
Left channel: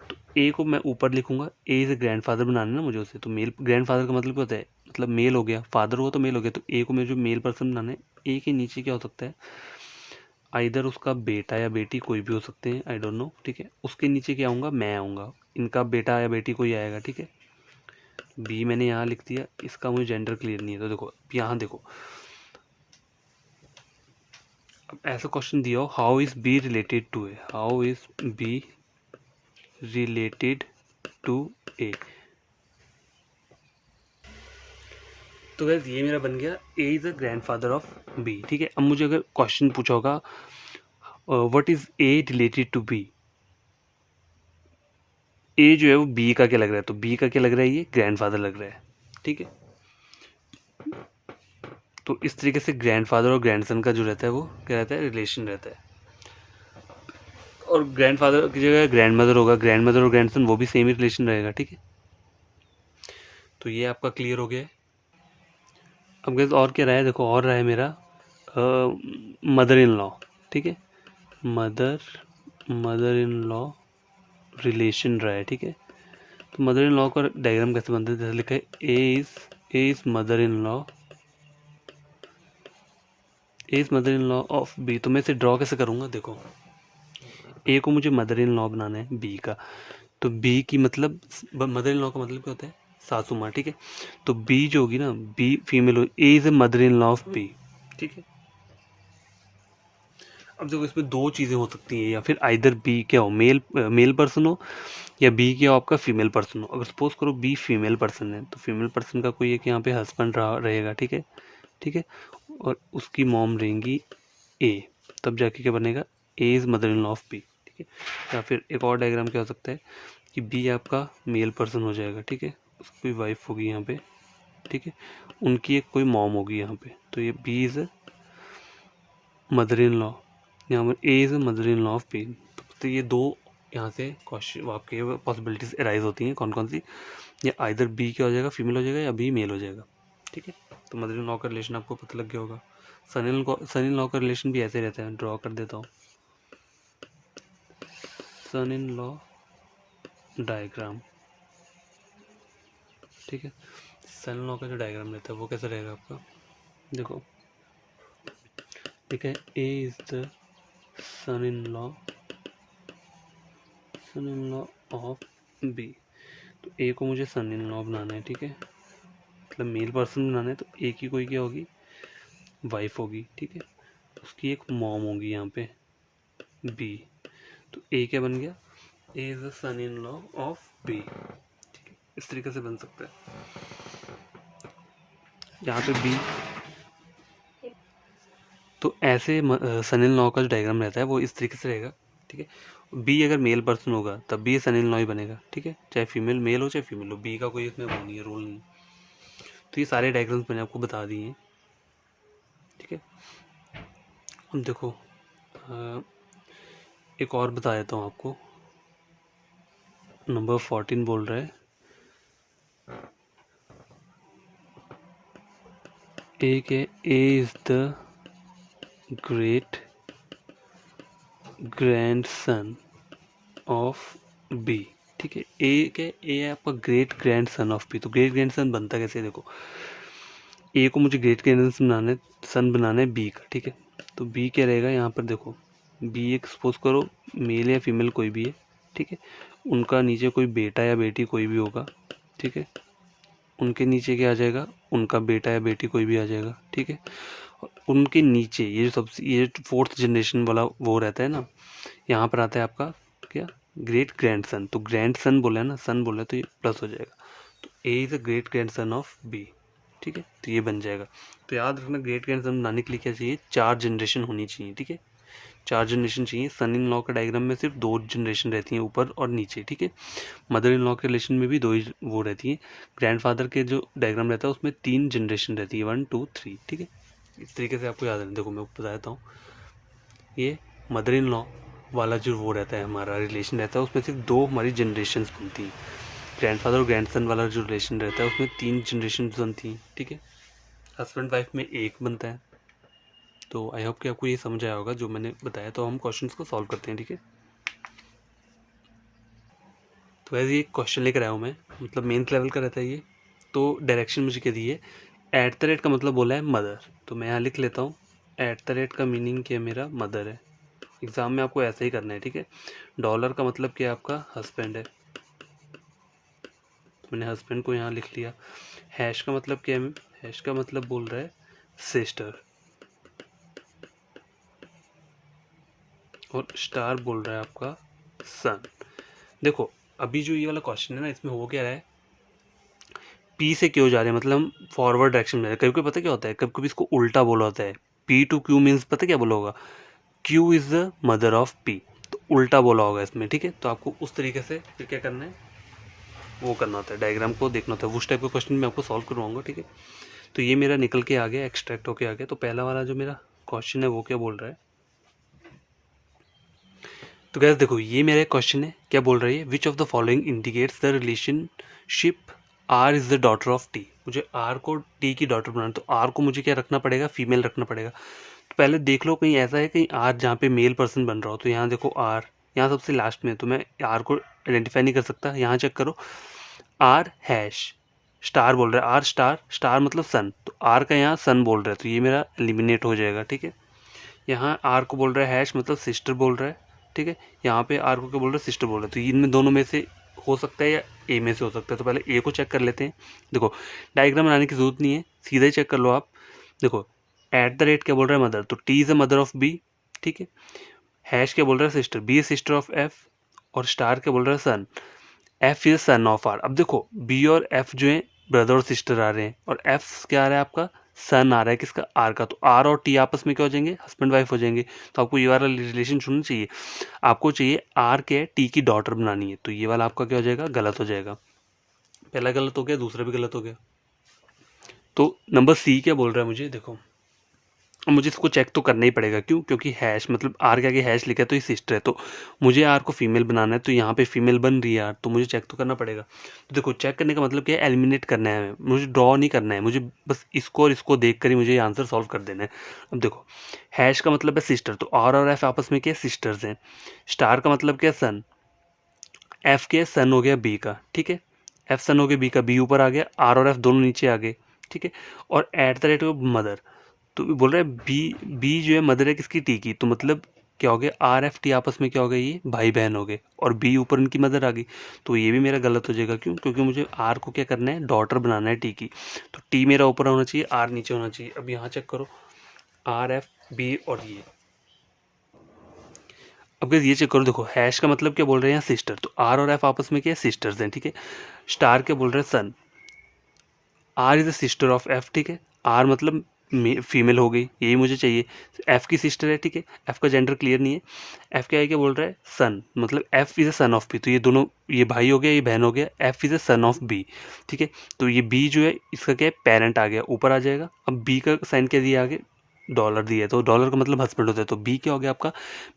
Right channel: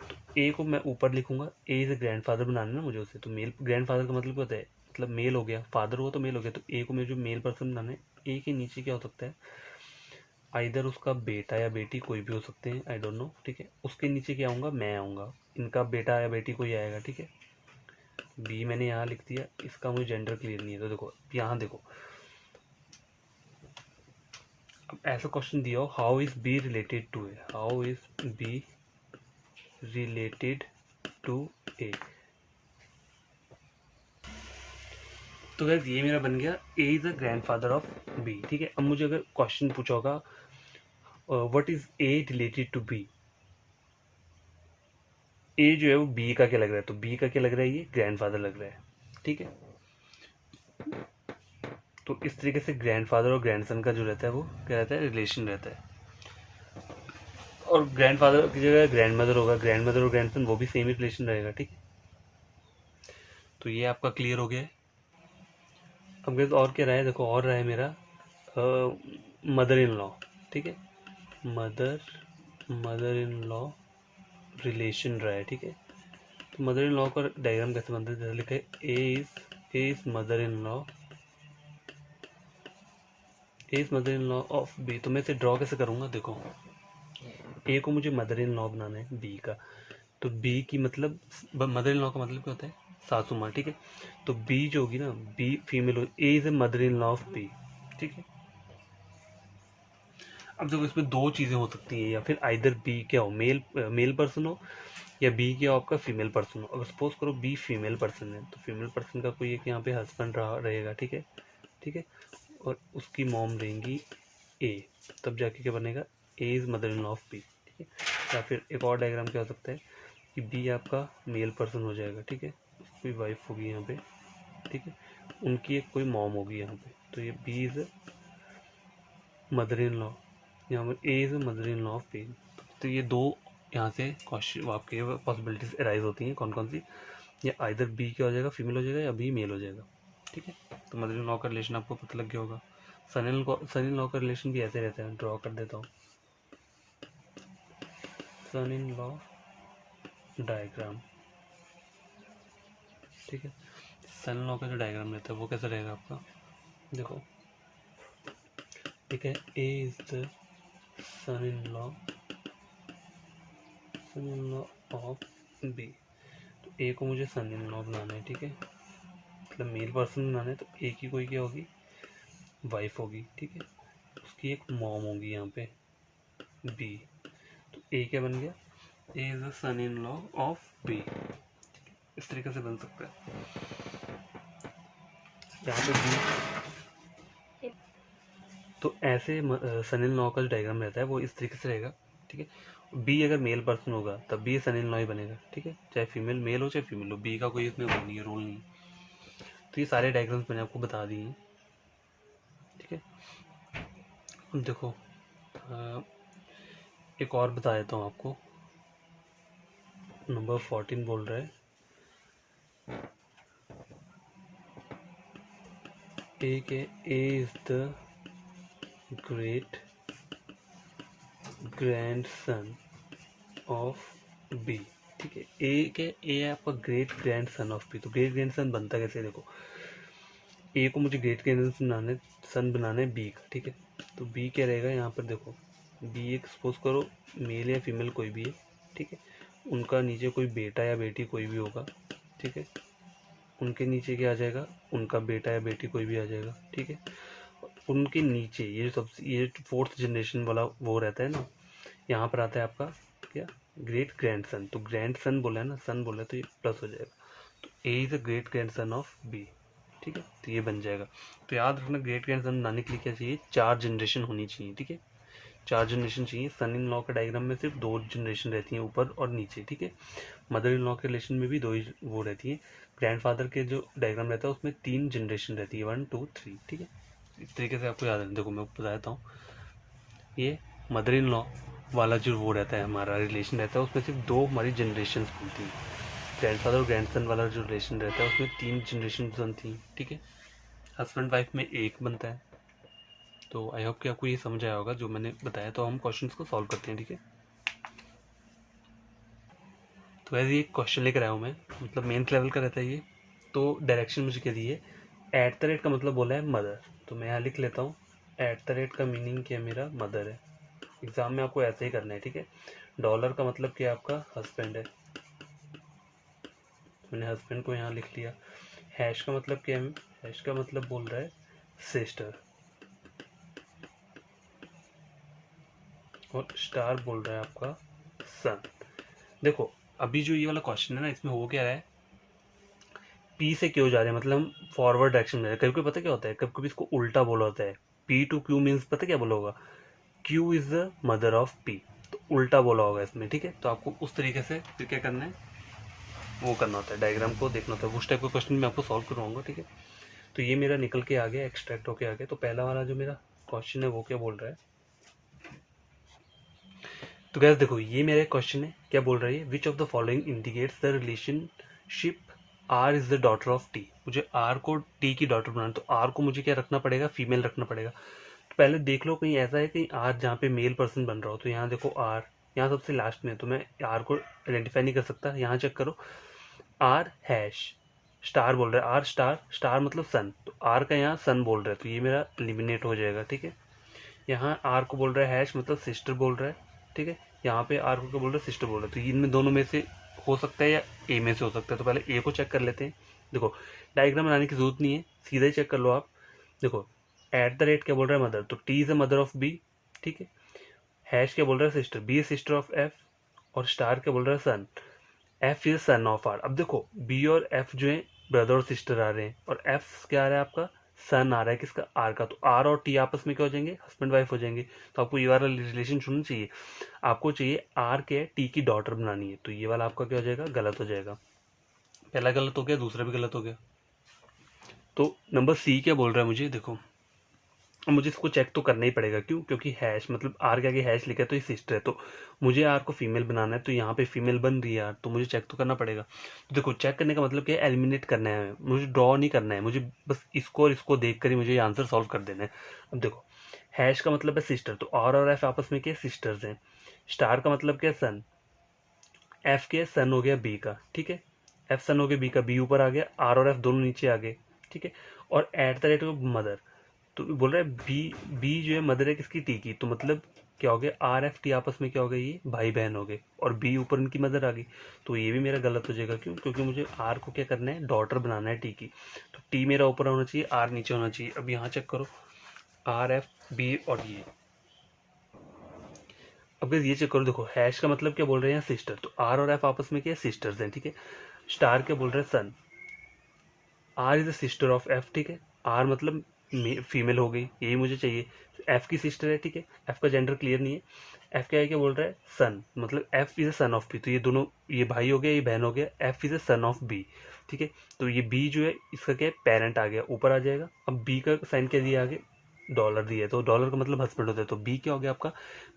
तो ए को मैं ऊपर लिखूंगा, ए इज़ ए ग्रैंडफादर बनाना है ना मुझे उसे। तो मेल ग्रैंडफादर का मतलब क्या होता है? मतलब मेल हो गया, फादर हुआ तो मेल हो गया। तो ए को मैं जो मेल पर्सन बनाना है, ए के नीचे क्या हो सकता है? आइदर उसका बेटा या बेटी, कोई भी हो सकते हैं, आई डोंट नो, ठीक है। उसके नीचे क्या आऊँगा? मैं आऊँगा, इनका बेटा या बेटी कोई आएगा, ठीक है। बी मैंने यहाँ लिख दिया, इसका मुझे जेंडर क्लियर नहीं है। तो देखो यहाँ देखो, अब ऐसा क्वेश्चन दिया हो, how is B related to A, how is B related to A. तो गाइस ये मेरा बन गया A is the grandfather of B, ठीक है। अब मुझे अगर क्वेश्चन पूछा होगा what is A related to B, A जो है वो बी का क्या लग रहा है? तो बी का क्या लग रहा है? ये ग्रैंडफादर लग रहा है, ठीक है। तो इस तरीके से ग्रैंडफादर और ग्रैंडसन का जो रहता है वो क्या रहता है? रिलेशन रहता है। और ग्रैंडफादर की जगह ग्रैंडमदर होगा, ग्रैंडमदर और ग्रैंडसन वो भी सेम ही रिलेशन रहेगा, ठीक है। तो ये आपका क्लियर हो गया है। अब गैस और क्या रहा है? देखो और रहा है मेरा मदर इन लॉ, ठीक है। Mother mother in law relation रहा है, ठीक है। तो मदर इन लॉ का डायग्राम कैसे बनता है? जैसे लिखा है A is mother in law, A is mother in law of B. तो मैं इसे ड्रॉ कैसे करूँगा? देखो ए को मुझे मदर इन लॉ बनाना है बी का, तो बी की मतलब मदर इन लॉ का मतलब क्या होता है? सासू माँ, ठीक है। तो बी जो होगी ना, बी फीमेल हो, A is a mother in law of B, ठीक है। अब देखो इसमें दो चीज़ें हो सकती हैं, या फिर आइदर बी क्या हो, मेल पर्सन हो, या बी क्या हो आपका फीमेल पर्सन हो। अगर सपोज करो बी फीमेल पर्सन है, तो फीमेल पर्सन का कोई एक यहाँ पे हस्बैंड रहेगा, ठीक है, ठीक है। और उसकी मॉम रहेंगी ए, तब जाके क्या बनेगा? A is mother in law of B, ठीक है। या फिर एक और डायग्राम क्या हो सकता है कि बी आपका मेल पर्सन हो जाएगा, ठीक है, उसकी वाइफ होगी यहाँ पे, ठीक है, उनकी एक कोई मॉम होगी यहाँ पे। तो ये B is mother in law, यहाँ पर A is mother in law of B. तो ये दो यहाँ से क्वेश्चन आपके पॉसिबिलिटीज अराइज होती हैं, कौन कौन सी? या आइदर बी क्या हो जाएगा, फीमेल हो जाएगा, या बी मेल हो जाएगा, ठीक है। तो मदर इन लॉ का रिलेशन आपको पता लग गया होगा। सन इन लॉ का रिलेशन भी ऐसे रहता है, ड्रॉ कर देता हूँ। सन इन लॉ डायग्राम, ठीक है। सन इन लॉ का जो डायग्राम रहता है वो कैसा रहेगा आपका? देखो ठीक है, A is the son in law of B. तो ए को मुझे सन इन लॉ बनाना है, ठीक है, मतलब मेल पर्सन बनाना है। तो ए की कोई क्या होगी? वाइफ होगी, ठीक है, उसकी एक मॉम होगी यहाँ पे बी। तो ए क्या बन गया? A is the son in law of B, इस तरीके से बन सकता है। यहाँ पे बी, तो ऐसे सन इन लॉ का जो डायग्राम रहता है वो इस तरीके से रहेगा, ठीक है। बी अगर मेल पर्सन होगा तब भी ये सन इन लॉ ही बनेगा, ठीक है, चाहे फीमेल मेल हो चाहे फीमेल हो, बी का कोई इसमें वो नहीं है, रोल नहीं है। तो ये सारे डायग्राम्स मैंने आपको बता दिए हैं, ठीक है। अब देखो एक और बता देता हूँ आपको। नंबर 14 बोल रहा है ए के A is the great grandson of B, ठीक है। ए के ए है आपका ग्रेट ग्रैंडसन ऑफ बी। तो ग्रेट ग्रैंडसन बनता कैसे, देखो ए को मुझे ग्रेट ग्रैंडसन बनाना है, सन बनाना है बी का, ठीक है। तो बी क्या रहेगा यहाँ पर, देखो बी एक सपोज करो मेल या फीमेल कोई भी है, ठीक है। उनका नीचे कोई बेटा या बेटी कोई भी होगा, ठीक है। उनके नीचे क्या आ जाएगा, उनका बेटा या बेटी कोई भी आ जाएगा, ठीक है। उनके नीचे ये जो सबसे ये फोर्थ जनरेशन वाला वो रहता है ना, यहाँ पर आता है आपका क्या, ग्रेट ग्रैंडसन। तो ग्रैंडसन बोला है ना, सन बोला है तो ये प्लस हो जाएगा। तो A is the great grandson of B, ठीक है। तो ये बन जाएगा। तो याद रखना ग्रेट ग्रैंडसन बनाने के लिए क्या चाहिए, 4 जनरेशन होनी चाहिए, ठीक है। 4 जनरेशन चाहिए। सन इन लॉ के डायग्राम में सिर्फ 2 जनरेशन रहती हैं, ऊपर और नीचे, ठीक है। मदर इन लॉ के रिलेशन में भी 2 ही वो रहती है। ग्रैंडफादर के जो डायग्राम रहता है उसमें 3 जनरेशन रहती है, 1 2 3, ठीक है। इस तरीके से आपको याद रखना। देखो मैं बता देता हूँ, ये मदर इन लॉ वाला जो वो रहता है हमारा रिलेशन रहता है, उसमें सिर्फ 2 हमारी जनरेशन बनती हैं। ग्रैंडफादर और ग्रैंडसन वाला जो रिलेशन रहता है उसमें 3 जनरेशन बनती हैं, ठीक है। हस्बैंड वाइफ में 1 बनता है। तो आई होप कि आपको ये समझ आया होगा जो मैंने बताया। तो हम क्वेश्चंस को सॉल्व करते हैं, ठीक है। तो वैसे ये क्वेश्चन लेकर आया हूँ मैं, मतलब मेन लेवल का रहता है ये। तो डायरेक्शन मुझे क्या दी है, एट द रेट का मतलब बोला है मदर, तो मैं यहाँ लिख लेता हूँ एट द रेट का मीनिंग क्या मेरा मदर है। एग्ज़ाम में आपको ऐसे ही करना है, ठीक है। डॉलर का मतलब क्या आपका हस्बैंड है, तो मैंने हस्बैंड को यहाँ लिख लिया। हैश का मतलब क्या है, हैश का मतलब बोल रहा है सिस्टर, और स्टार बोल रहा है आपका सन। देखो अभी जो ये वाला क्वेश्चन है ना, इसमें हो क्या रहा है, पी से क्यों जा रहे हैं, मतलब हम फॉरवर्ड डायरेक्शन में जा रहे हैं। कभी कभी पता क्या होता है, कभी कभी इसको उल्टा बोला होता है, पी टू क्यू मीन्स पता क्या बोला होगा, Q is the mother of P, तो उल्टा बोला होगा इसमें, ठीक है। तो आपको उस तरीके से फिर क्या करना है, वो करना होता है, डायग्राम को देखना होता है। उस टाइप का क्वेश्चन मैं आपको सॉल्व करवाऊंगा, ठीक है। तो ये मेरा निकल के आ गया, एक्सट्रैक्ट होके आ गया। तो पहला वाला जो मेरा क्वेश्चन है वो क्या बोल रहा है, तो गैस देखो ये मेरा क्वेश्चन है, क्या बोल रही है, which of the following indicates the relationship R is the daughter of T. मुझे आर को टी की डॉटर बनाना, तो आर को मुझे क्या रखना पड़ेगा, फीमेल रखना पड़ेगा। तो पहले देख लो कहीं ऐसा है कहीं आर जहाँ पे मेल पर्सन बन रहा हो, तो यहाँ देखो आर यहाँ सबसे लास्ट में, तो मैं आर को आइडेंटिफाई नहीं कर सकता। यहाँ चेक करो, आर हैश स्टार बोल रहा है, आर स्टार, स्टार मतलब सन, तो आर का यहाँ सन बोल रहा है, तो ये मेरा एलिमिनेट हो जाएगा, ठीक है। यहाँ आर को बोल रहा है हैश मतलब सिस्टर बोल रहा है, ठीक है। यहाँ पे आर को क्या बोल रहा है, सिस्टर बोल रहा है। तो इनमें दोनों में से हो सकता है या ए में से हो सकता है। तो पहले ए को चेक कर लेते हैं। देखो डायग्राम बनाने की जरूरत नहीं है, सीधा ही चेक कर लो आप। देखो एट द रेट क्या बोल रहा है मदर, तो T is a mother of B, ठीक है। हैश क्या बोल रहा है sister, B is sister of F, और स्टार क्या बोल रहा है son, F is son of R. अब देखो बी और एफ जो है ब्रदर और सिस्टर आ रहे हैं, और एफ क्या आ रहा है आपका, सन आ रहा है किसका, आर का। तो आर और टी आपस में क्या हो जाएंगे, हस्बैंड वाइफ हो जाएंगे। तो आपको ये वाला रिलेशन चुनना चाहिए। आपको चाहिए आर के टी की डॉटर बनानी है, तो ये वाला आपका क्या हो जाएगा, गलत हो जाएगा। पहला गलत हो गया, दूसरा भी गलत हो गया। तो नंबर सी क्या बोल रहा है मुझे, देखो मुझे इसको चेक तो करना ही पड़ेगा, क्यों, क्योंकि हैश मतलब आर के आगे हैश लिखा है तो ये सिस्टर है, तो मुझे आर को फीमेल बनाना है। तो यहाँ पे फीमेल बन रही है आर, तो मुझे चेक तो करना पड़ेगा। तो देखो चेक करने का मतलब क्या है, एलिमिनेट करना है, मुझे ड्रॉ नहीं करना है, मुझे बस इसको और इसको देख कर ही मुझे आंसर सॉल्व कर देना है। अब देखो हैश का मतलब है सिस्टर, तो आर और एफ आपस में क्या सिस्टर्स हैं। स्टार का मतलब क्या सन, एफ के सन हो गया बी का, ठीक है। एफ सन हो गया बी का, बी ऊपर आ गया, आर और एफ दोनों नीचे आ गए, ठीक है। और eight the rate of mother, तो बोल रहा है बी, बी जो है मदर है किसकी, टी की, तो मतलब क्या हो गया, आर एफ टी आपस में क्या हो गया, ये भाई बहन हो गए, और बी ऊपर उनकी मदर आ गई। तो ये भी मेरा गलत हो जाएगा, क्यों, क्योंकि मुझे आर को क्या करना है, डॉटर बनाना है टी की। तो टी मेरा ऊपर होना चाहिए, आर नीचे होना चाहिए। अब यहाँ चेक करो, आर एफ बी और ये, अब ये चेक करो, देखो हैश का मतलब क्या बोल रहे हैं यहाँ सिस्टर, तो आर और एफ आपस में क्या है, सिस्टर्स हैं, ठीक है। स्टार क्या बोल रहे हैं, son, R is the sister of F, ठीक है। आर मतलब फीमेल हो गई, यही मुझे चाहिए। एफ की सिस्टर है, ठीक है, एफ का जेंडर क्लियर नहीं है। एफ क्या है, क्या बोल रहा है, सन, मतलब F is a son of B, तो ये दोनों, ये भाई हो गया, ये बहन हो गया, F is a son of B, ठीक है। तो ये बी जो है इसका क्या है, पेरेंट आ गया, ऊपर आ जाएगा। अब बी का साइन क्या दिया आगे, डॉलर दिया है, तो डॉलर का मतलब हस्बैंड होता है, तो बी क्या हो गया आपका,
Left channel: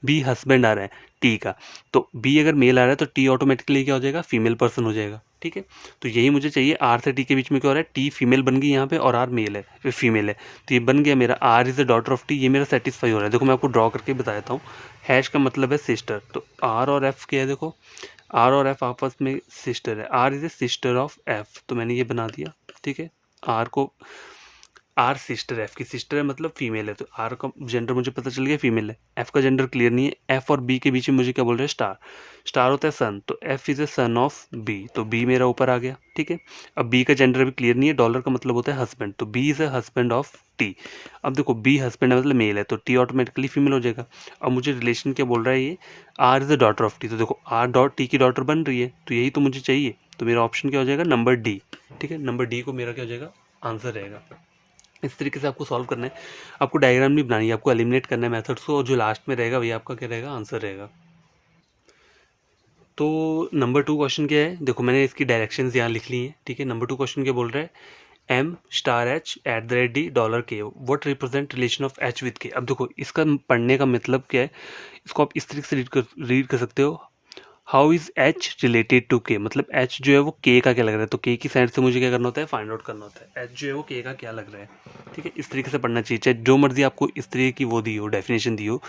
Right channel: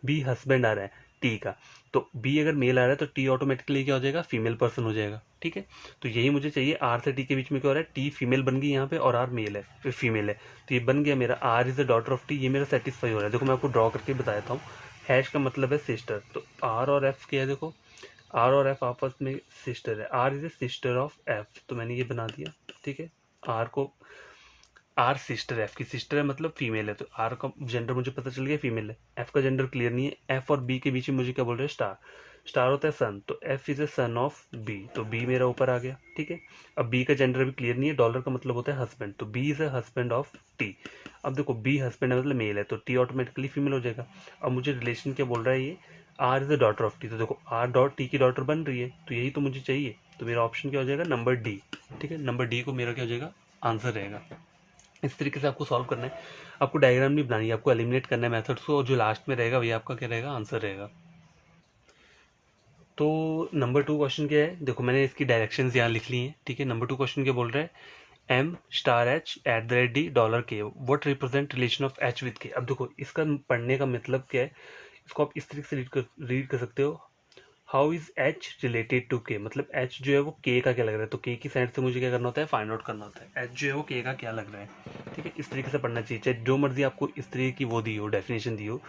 बी हस्बैंड आ रहा है टी का। तो बी अगर मेल आ रहा है तो टी ऑटोमेटिकली क्या हो जाएगा, फीमेल पर्सन हो जाएगा, ठीक है। तो यही मुझे चाहिए, आर से टी के बीच में क्या हो रहा है, टी फीमेल बन गई यहाँ पे और आर मेल है, फिर फीमेल है, तो ये बन गया मेरा R is the daughter of T, ये मेरा सेटिस्फाई हो रहा है। देखो मैं आपको ड्रॉ करके बता देता हूँ। हैश का मतलब है सिस्टर, तो आर और एफ क्या है, देखो आर और एफ आपस में सिस्टर है, R is a sister of F, तो मैंने ये बना दिया, ठीक है। आर को, आर सिस्टर, एफ की सिस्टर है मतलब फीमेल है, तो आर का जेंडर मुझे पता चल गया फीमेल है। एफ का जेंडर क्लियर नहीं है। एफ और बी के बीच में मुझे क्या बोल रहे हैं, स्टार, स्टार होता है सन, तो F is a son of B, तो बी मेरा ऊपर आ गया, ठीक है। अब बी का जेंडर भी क्लियर नहीं है, डॉलर का मतलब होता है हस्बैंड, तो B is a husband of T. अब देखो बी हस्बैंड है मतलब मेल है, तो टी ऑटोमेटिकली फीमेल हो जाएगा। अब मुझे रिलेशन क्या बोल रहा है, ये R is the daughter of T, तो देखो आर डॉट टी की डॉटर बन रही है, तो यही तो मुझे चाहिए, तो मेरा ऑप्शन क्या हो जाएगा, नंबर डी, ठीक है। नंबर डी को मेरा क्या हो जाएगा, आंसर रहेगा। इस तरीके से आपको सॉल्व करना है, आपको डायग्राम नहीं बनानी है, आपको एलिमिनेट करना है मेथड्स को, और जो लास्ट में रहेगा वही आपका क्या रहेगा, आंसर रहेगा। तो नंबर 2 क्वेश्चन क्या है, देखो मैंने इसकी डायरेक्शंस यहाँ लिख ली हैं, ठीक है। नंबर 2 क्वेश्चन क्या बोल रहा है, M star H at the rate D dollar K what represent relation of H with K. अब देखो इसका पढ़ने का मतलब क्या है, इसको आप इस तरीके से रीड कर सकते हो, how is H related to K, मतलब एच जो है वो के का क्या लग रहा है, तो के की साइड से मुझे क्या करना होता है, फाइंड आउट करना होता है एच जो है वो के का क्या लग रहा है, ठीक है। इस तरीके से पढ़ना चाहिए, चाहे जो मर्जी आपको इस तरीके की वो दी हो, डेफिनेशन दी हो,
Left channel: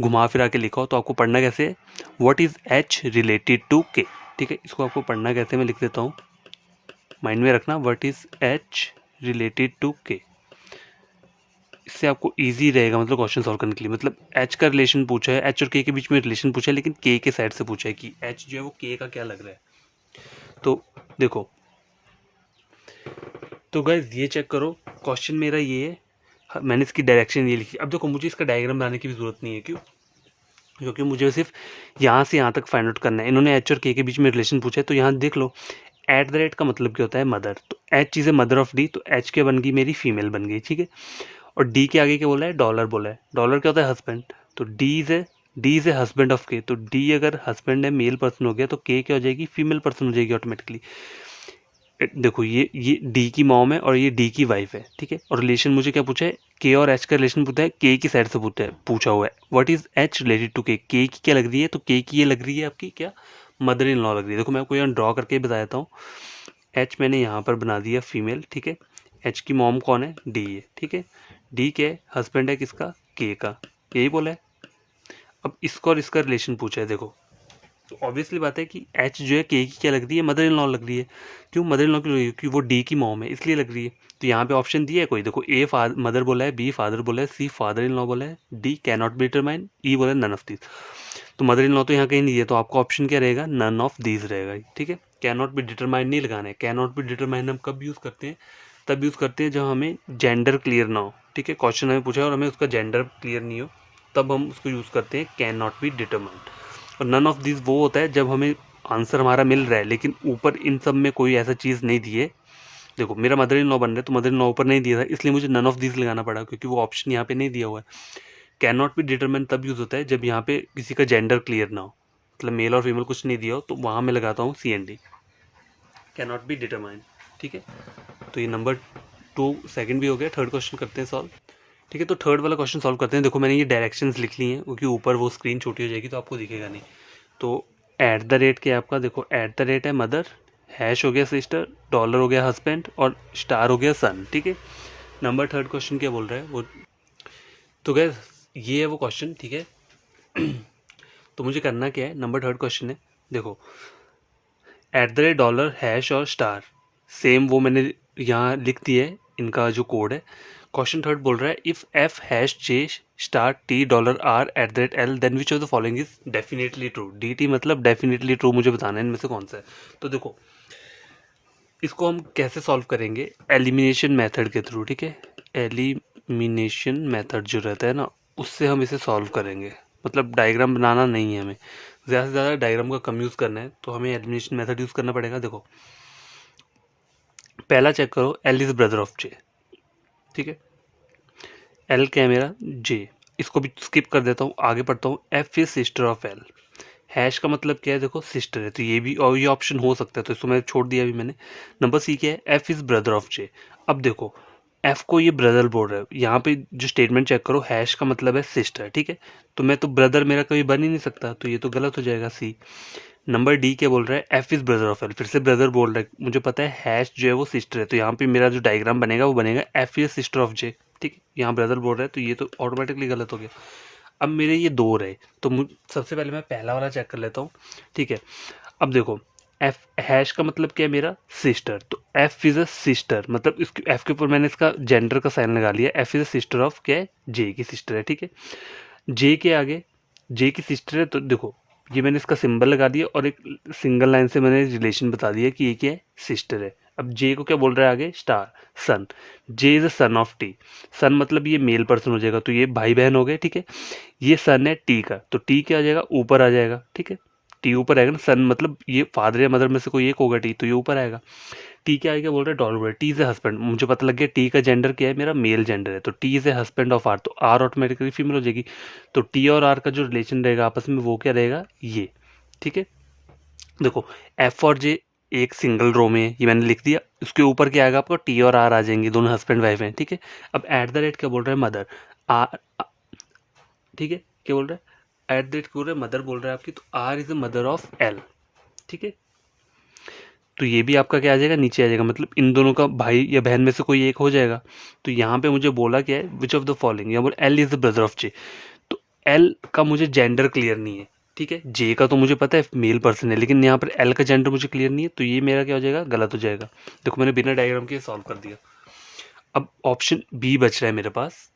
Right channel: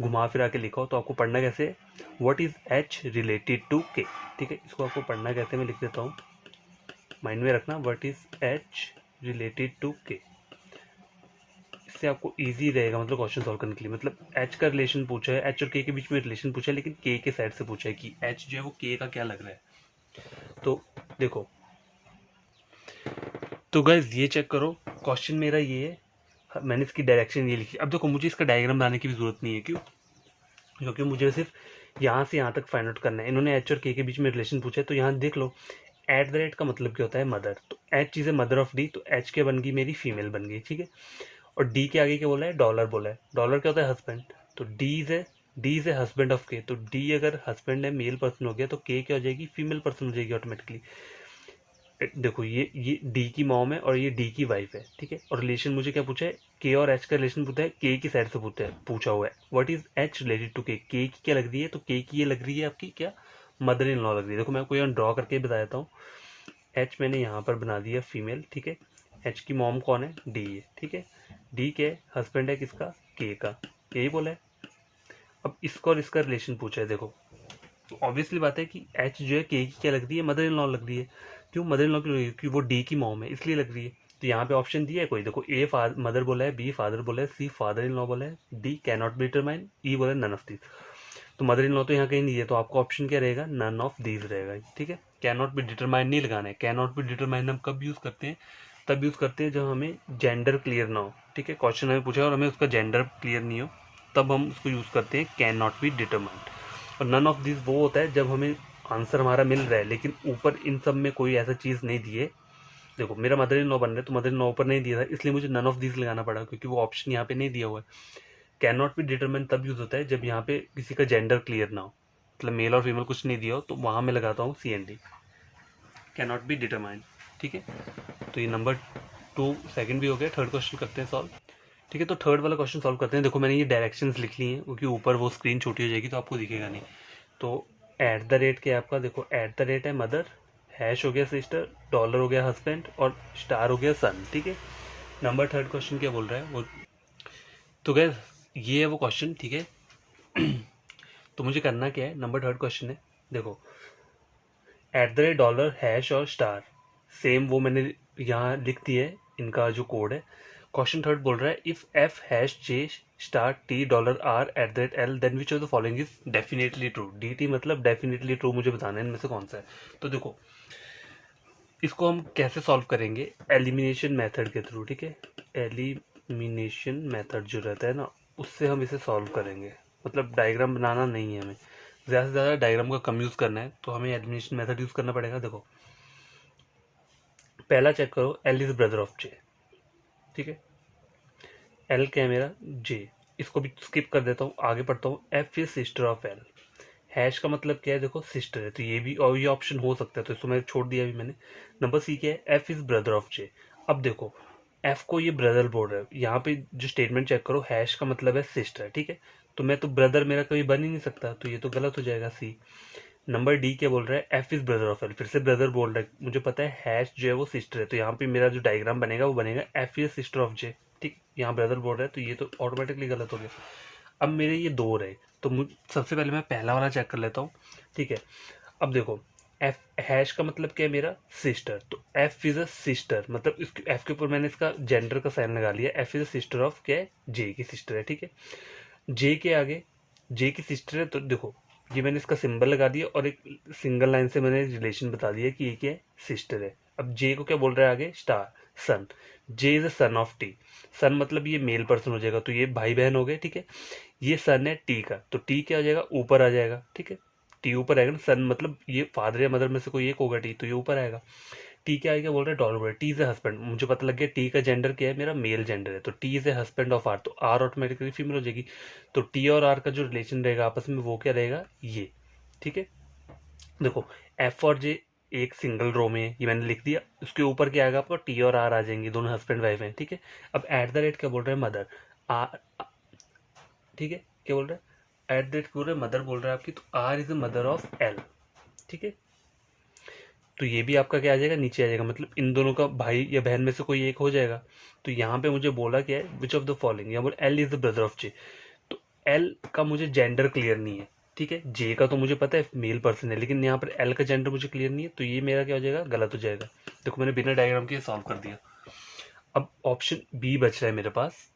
घुमा फिरा के लिखा हो, तो आपको पढ़ना कैसे है, what is H related to K, ठीक है। इसको आपको पढ़ना कैसे, मैं लिख देता हूँ, माइंड में रखना, what is H related to K, इससे आपको इजी रहेगा मतलब क्वेश्चन सॉल्व करने के लिए। मतलब एच का रिलेशन पूछा है, एच और के बीच में रिलेशन पूछा है, लेकिन के साइड से पूछा है कि एच जो है वो के का क्या लग रहा है। तो देखो, तो गाइस ये चेक करो, क्वेश्चन मेरा ये है, मैंने इसकी डायरेक्शन ये लिखी। अब देखो मुझे इसका डायग्राम बनाने की भी जरूरत नहीं है, क्यों, क्योंकि मुझे सिर्फ यहाँ से यहाँ तक फाइंड आउट करना है। इन्होंने एच और के बीच में रिलेशन पूछा है, तो यहाँ देख लो, एट द रेट का मतलब क्या होता है, मदर, तो H is a mother of D, तो एच के बन गई मेरी फीमेल बन गई, ठीक है। और डी के आगे क्या बोला है, डॉलर बोला है, डॉलर क्या होता है, हस्बैंड, तो D is a husband of के, तो डी अगर हस्बैंड है, मेल पर्सन हो गया, तो के क्या हो जाएगी, फीमेल पर्सन हो जाएगी ऑटोमेटिकली। देखो ये डी की मॉम है और ये डी की वाइफ है, ठीक है। और रिलेशन मुझे क्या पूछा है, के और एच का रिलेशन पूछा है, के की साइड से पूछा हुआ है, what is H related to K की क्या लग रही है, तो के की ये लग रही है आपकी क्या, मदर इन लॉ लग रही है। देखो मैं आपको यहाँ ड्रॉ करके बता देता हूँ, एच मैंने यहाँ पर बना दिया फीमेल, ठीक है। एच की मॉम कौन है, डी है, ठीक है। डी के हस्बैंड है किसका, के का, यही बोला है। अब इसका और इसका रिलेशन पूछा है, देखो तो ऑब्वियसली बात है कि एच जो है के की क्या लग रही है, मदर इन लॉ लग रही है। क्यों मदर इन लॉ क्यों लग रही है, क्योंकि वो डी की मॉम है इसलिए लग रही है। तो यहाँ पे ऑप्शन दिया है कोई, देखो ए मदर बोला है, बी फादर बोला है, सी फादर इन लॉ बोला है, D can not be determine, E बोला है नन ऑफ दिस। तो मदर इन लॉ तो यहाँ कहीं नहीं दिया, तो आपका ऑप्शन क्या रहेगा, नन ऑफ दीज रहेगा, ठीक है। कैन नॉट बी डिटरमाइन नहीं लगाना है, कैन नॉट बी डिटरमाइन हम कब यूज़ करते हैं, तब यूज़ करते हैं जब हमें जेंडर क्लियर ना हो, ठीक है। क्वेश्चन हमें पूछा और हमें उसका जेंडर क्लियर नहीं हो, तब हम उसको यूज़ करते हैं कैन नॉट बी डिटरमाइंड। और नन ऑफ दिस वो होता है जब हमें आंसर हमारा मिल रहा है, लेकिन ऊपर इन सब में कोई ऐसा चीज़ नहीं दी है। देखो मेरा मदर इन लॉ बन रहा है, तो मदर इन लॉ ऊपर नहीं दिया था, इसलिए मुझे नन ऑफ दिस लगाना पड़ा, क्योंकि वो ऑप्शन यहाँ पे नहीं दिया हुआ है। कैन नॉट बी डिटरमाइन तब यूज़ होता है जब यहाँ पे किसी का जेंडर क्लियर ना हो, मतलब मेल और फीमेल कुछ नहीं दिया हो, तो वहाँ मैं लगाता हूँ C N D, can not be determine, ठीक है। तो ये नंबर 2 सेकंड भी हो गया। थर्ड क्वेश्चन करते हैं सॉल्व, ठीक है। तो थर्ड वाला क्वेश्चन सॉल्व करते हैं। देखो मैंने ये डायरेक्शंस लिख ली हैं, क्योंकि ऊपर वो स्क्रीन छोटी हो जाएगी तो आपको दिखेगा नहीं। तो एट द रेट क्या है आपका, देखो एट द रेट है मदर, हैश हो गया सिस्टर, डॉलर हो गया हस्बैंड, और स्टार हो गया सन, ठीक है। नंबर थर्ड क्वेश्चन क्या बोल रहा है वो, तो गैस ये है वो क्वेश्चन, ठीक है। तो मुझे करना क्या है, नंबर थर्ड क्वेश्चन है, देखो eight the rate dollar hash और स्टार, सेम वो मैंने यहाँ लिख दिया है इनका जो कोड है। क्वेश्चन थर्ड बोल रहा है, if F hash J star T dollar R at the rate L then which of the following is definitely true. D T मतलब डेफिनेटली ट्रू, मुझे बताना है इनमें से कौन सा है। तो देखो इसको हम कैसे सॉल्व करेंगे, एलिमिनेशन मेथड के थ्रू, ठीक है। एलिमिनेशन मेथड जो रहता है ना, उससे हम इसे सॉल्व करेंगे। मतलब डायग्राम बनाना नहीं है हमें, ज़्यादा से ज़्यादा डायग्राम का कम यूज़ करना है, तो हमें एलिमिनेशन मेथड यूज़ करना पड़ेगा। देखो पहला चेक करो, एल इज़ ब्रदर ऑफ जे, ठीक है। एल क्या है मेरा, जे, इसको भी स्किप कर देता हूँ, आगे पढ़ता हूँ। F is sister of L, hash का मतलब क्या है, देखो सिस्टर है, तो ये भी और ये ऑप्शन हो सकता है, तो इसको मैं छोड़ दिया अभी मैंने। नंबर सी क्या है, एफ इज ब्रदर ऑफ जे। अब देखो एफ को ये ब्रदर बोल रहा है, यहाँ पे जो स्टेटमेंट चेक करो, हैश का मतलब है सिस्टर, ठीक है। तो मैं तो ब्रदर मेरा कभी बन ही नहीं सकता, तो ये तो गलत हो जाएगा सी। नंबर डी क्या बोल रहा है, F is brother of L, फिर से ब्रदर बोल रहा है, मुझे पता है हैश जो है वो सिस्टर है, तो यहाँ पे मेरा जो डायग्राम बनेगा वो बनेगा एफ इज सिस्टर ऑफ जे, ठीक है, यहाँ ब्रदर बोल रहा है तो ये तो ऑटोमेटिकली गलत हो गया। अब मेरे ये दो रहे, तो सबसे पहले मैं पहला वाला चेक कर लेता हूँ, ठीक है। अब देखो एफ हैश का मतलब क्या है मेरा, सिस्टर, तो एफ इज अ सिस्टर, मतलब इसके एफ के ऊपर मैंने इसका जेंडर का साइन लगा लिया, F is a sister of क्या है, जे की सिस्टर है, ठीक है। जे के आगे जे की सिस्टर है, तो देखो ये मैंने इसका सिंबल लगा दिया और एक सिंगल लाइन से मैंने रिलेशन बता दिया कि ये क्या है, सिस्टर है। अब जे को क्या बोल रहा है आगे, star son, J is a son of T, son मतलब ये मेल पर्सन हो जाएगा, तो ये भाई बहन हो गए, ठीक है। ये सन है टी का, तो टी क्या आ जाएगा, ऊपर आ जाएगा, ठीक है, टी ऊपर आएगा ना, सन मतलब ये फादर या मदर में से कोई एक होगा टी, तो ये ऊपर आएगा। टी क्या आएगा बोल रहे हैं, dollar, T is a husband, मुझे पता लग गया टी का जेंडर क्या है, मेरा मेल जेंडर है, तो T is a husband of R, तो आर ऑटोमेटिकली फीमेल हो जाएगी, तो टी और आर का जो रिलेशन रहेगा आपस में वो क्या रहेगा, ये, ठीक है। देखो एफ और जे एक सिंगल रो में है, ये मैंने लिख दिया, उसके ऊपर क्या आएगा आपको, टी और आर आ जाएंगे, दोनों हस्बैंड वाइफ हैं, ठीक है। अब एट द रेट क्या बोल रहे हैं, मदर, आर, ठीक है, क्या बोल रहे हैं, एट द रेट बोल रहे हैं, मदर बोल रहा है आपकी, तो R is the mother of L, ठीक है। तो ये भी आपका क्या आ जाएगा, नीचे आ जाएगा, मतलब इन दोनों का भाई या बहन में से कोई एक हो जाएगा। तो यहाँ पे मुझे बोला क्या है, विच ऑफ द फॉलोइंग, या बोल L is the brother of J, तो एल का मुझे जेंडर क्लियर नहीं है, ठीक है। जे का तो मुझे पता है मेल पर्सन है, लेकिन यहाँ पर एल का जेंडर मुझे क्लियर नहीं है, तो ये मेरा क्या हो जाएगा, गलत हो जाएगा। देखो मैंने बिना डायग्राम के सॉल्व कर दिया। अब ऑप्शन बी बच रहा है मेरे पास,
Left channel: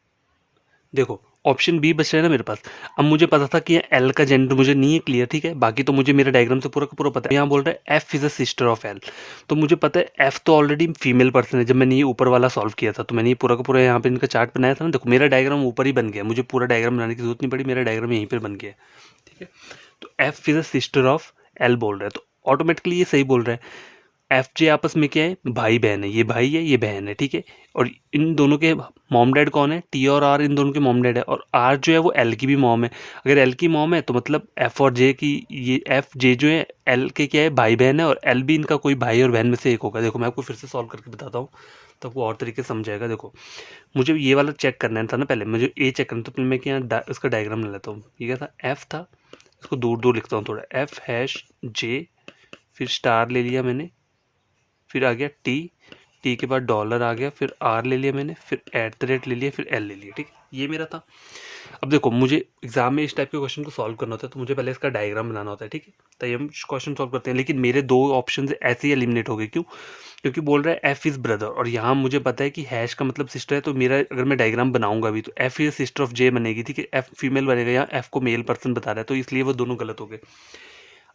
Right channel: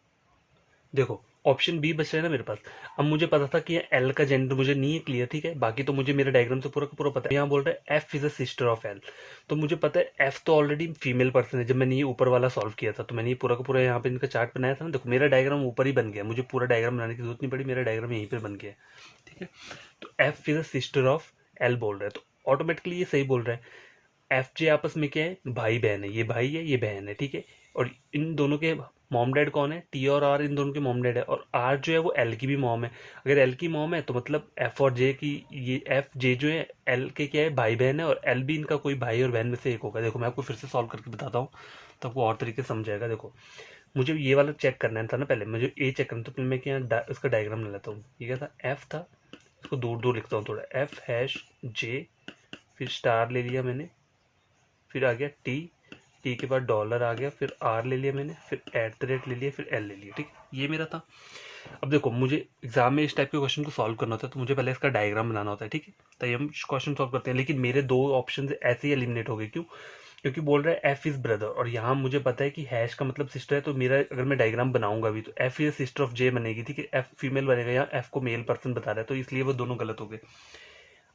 देखो ऑप्शन बी बच रहा है ना मेरे पास। अब मुझे पता था कि एल का जेंडर मुझे नहीं है क्लियर, ठीक है, बाकी तो मुझे मेरे डायग्राम से पूरा का पूरा पता है। यहाँ बोल रहा है F is a sister of L, तो मुझे पता है एफ तो ऑलरेडी फीमेल पर्सन है, जब मैंने ये ऊपर वाला सॉल्व किया था तो मैंने ये पूरा का पूरा यहाँ पे इनका चार्ट बनाया था ना, देखो मेरा डायग्राम ऊपर ही बन गया, मुझे पूरा डायग्राम बनाने की जरूरत नहीं पड़ी, मेरा डायग्राम यहीं पर बन गया, ठीक है। तो F is a sister of L बोल रहा है, तो ऑटोमेटिकली ये सही बोल रहा है। एफ जे आपस में क्या है, भाई बहन है, ये भाई है ये बहन है, ठीक है। और इन दोनों के मॉम डैड कौन है, टी और आर इन दोनों के मॉम डैड है, और आर जो है वो एल की भी मॉम है। अगर एल की मॉम है तो मतलब एफ और जे की, ये एफ जे जो है एल के क्या है, भाई बहन है, और एल भी इनका कोई भाई और बहन में से एक होगा। देखो मैं आपको फिर से सॉल्व करके बताता हूँ तो आपको और तरीके से समझाएगा। देखो मुझे ये वाला चेक करना था ना, पहले मुझे ए चेक करना, तो पहले मैं क्या उसका डायग्राम ले लेता हूँ। ये क्या था, एफ था, इसको दूर दूर लिखता हूँ थोड़ा, एफ हैश जे, फिर स्टार ले लिया मैंने, फिर आ गया टी, टी के बाद डॉलर आ गया, फिर आर ले लिया मैंने, फिर एट द रेट ले लिया, फिर एल ले लिया, ठीक है, ये मेरा था। अब देखो मुझे एग्जाम में इस टाइप के क्वेश्चन को सॉल्व करना होता है, तो मुझे पहले इसका डायग्राम बनाना होता है, ठीक है, तो हम क्वेश्चन सॉल्व करते हैं। लेकिन मेरे दो ऑप्शन ऐसे ही एलिमिनेट हो गए, क्यों, क्योंकि बोल रहा है एफ इज ब्रदर, और यहाँ मुझे पता है कि हैश का मतलब सिस्टर है, तो मेरा अगर मैं डायग्राम बनाऊंगा भी तो एफ इज सिस्टर ऑफ जे बनेगी, ठीक है, एफ फीमेल बनेगा, यहाँ एफ को मेल पर्सन बता रहा है, तो इसलिए वो दोनों गलत हो गए।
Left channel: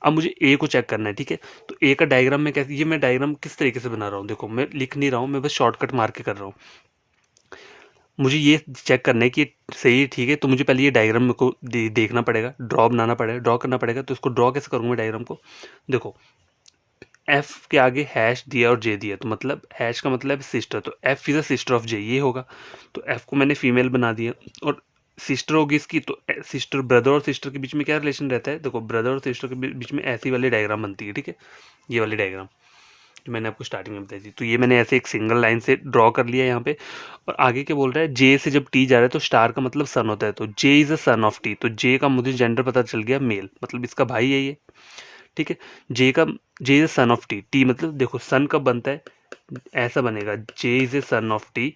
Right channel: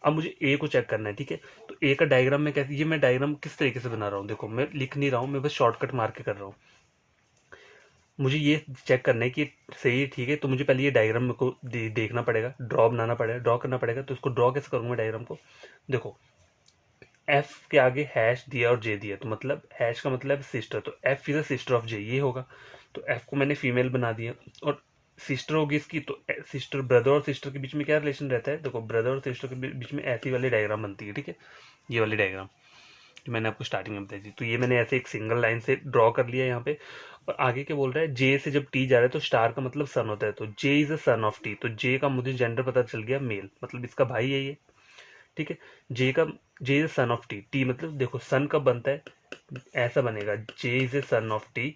अब मुझे ए को चेक करना है, ठीक है, तो ए का डायग्राम में कैसे, ये मैं डायग्राम किस तरीके से बना रहा हूँ, देखो मैं लिख नहीं रहा हूँ, मैं बस शॉर्टकट मार के कर रहा हूँ। मुझे ये चेक करना है कि सही है, ठीक है, तो मुझे पहले ये डायग्राम मेरे को देखना पड़ेगा, ड्रॉ बनाना पड़ेगा, ड्रॉ करना पड़ेगा। तो इसको ड्रॉ कैसे करूँगा डायग्राम को, देखो एफ के आगे हैश दिया और जे दिया, तो मतलब हैश का मतलब सिस्टर, तो F is a sister of J, ये होगा। तो एफ को मैंने फीमेल बना दिया, और सिस्टर होगी इसकी, तो सिस्टर, ब्रदर और सिस्टर के बीच में क्या रिलेशन रहता है, देखो ब्रदर और सिस्टर के बीच में ऐसी वाली डायग्राम बनती है, ठीक है, ये वाली डायग्राम जो मैंने आपको स्टार्टिंग में बताई थी। तो ये मैंने ऐसे एक सिंगल लाइन से ड्रॉ कर लिया यहाँ पे। और आगे क्या बोल रहा है, जे से जब टी जा रहा है तो स्टार का मतलब सन होता है, तो J is a son of T, तो जे का मुझे जेंडर पता चल गया मेल, मतलब इसका भाई है ये, ठीक है। J is a son of T, T मतलब देखो सन कब बनता है, ऐसा बनेगा, J is a son of T,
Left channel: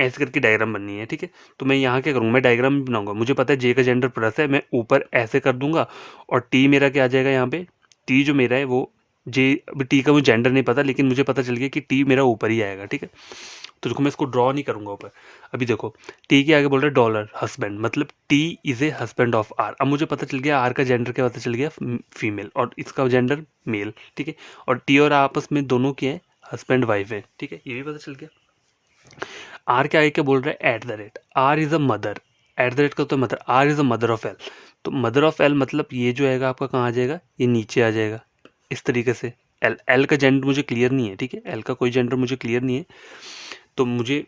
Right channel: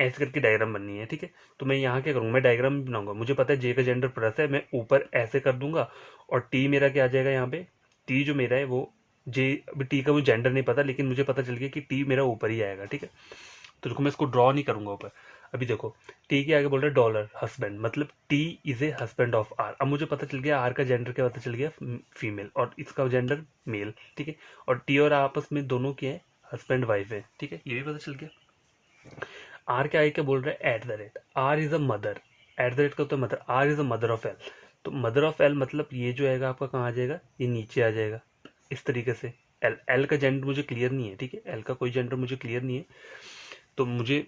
ऐसे करके डायग्राम बननी है, ठीक है। तो मैं यहाँ क्या करूँगा, मैं डायग्राम भी बनाऊंगा, मुझे पता है जे का जेंडर प्लस है, मैं ऊपर ऐसे कर दूंगा, और टी मेरा क्या आ जाएगा यहाँ पे, टी जो मेरा है वो जे, अभी टी का मुझे जेंडर नहीं पता, लेकिन मुझे पता चल गया कि टी मेरा ऊपर ही आएगा, ठीक है। तो देखो मैं इसको ड्रॉ नहीं करूंगा ऊपर। अभी देखो टी के आगे बोल रहा है डॉलर हस्बैंड, मतलब T is a husband of R, अब मुझे पता चल गया आर का जेंडर क्या पता चल गया, फीमेल, और इसका जेंडर मेल, ठीक है। और टी और आपस में दोनों के हैं हस्बैंड वाइफ है, ठीक है, ये भी पता चल गया। आर के आगे क्या बोल रहा है, at the rate, R is a mother, at the rate का तो mother, R is a mother of L, तो मदर ऑफ एल मतलब ये जो आएगा आपका कहाँ आ जाएगा, ये नीचे आ जाएगा इस तरीके से। एल, एल का जेंडर मुझे क्लियर नहीं है, ठीक है, एल का कोई जेंडर मुझे क्लियर नहीं है, तो मुझे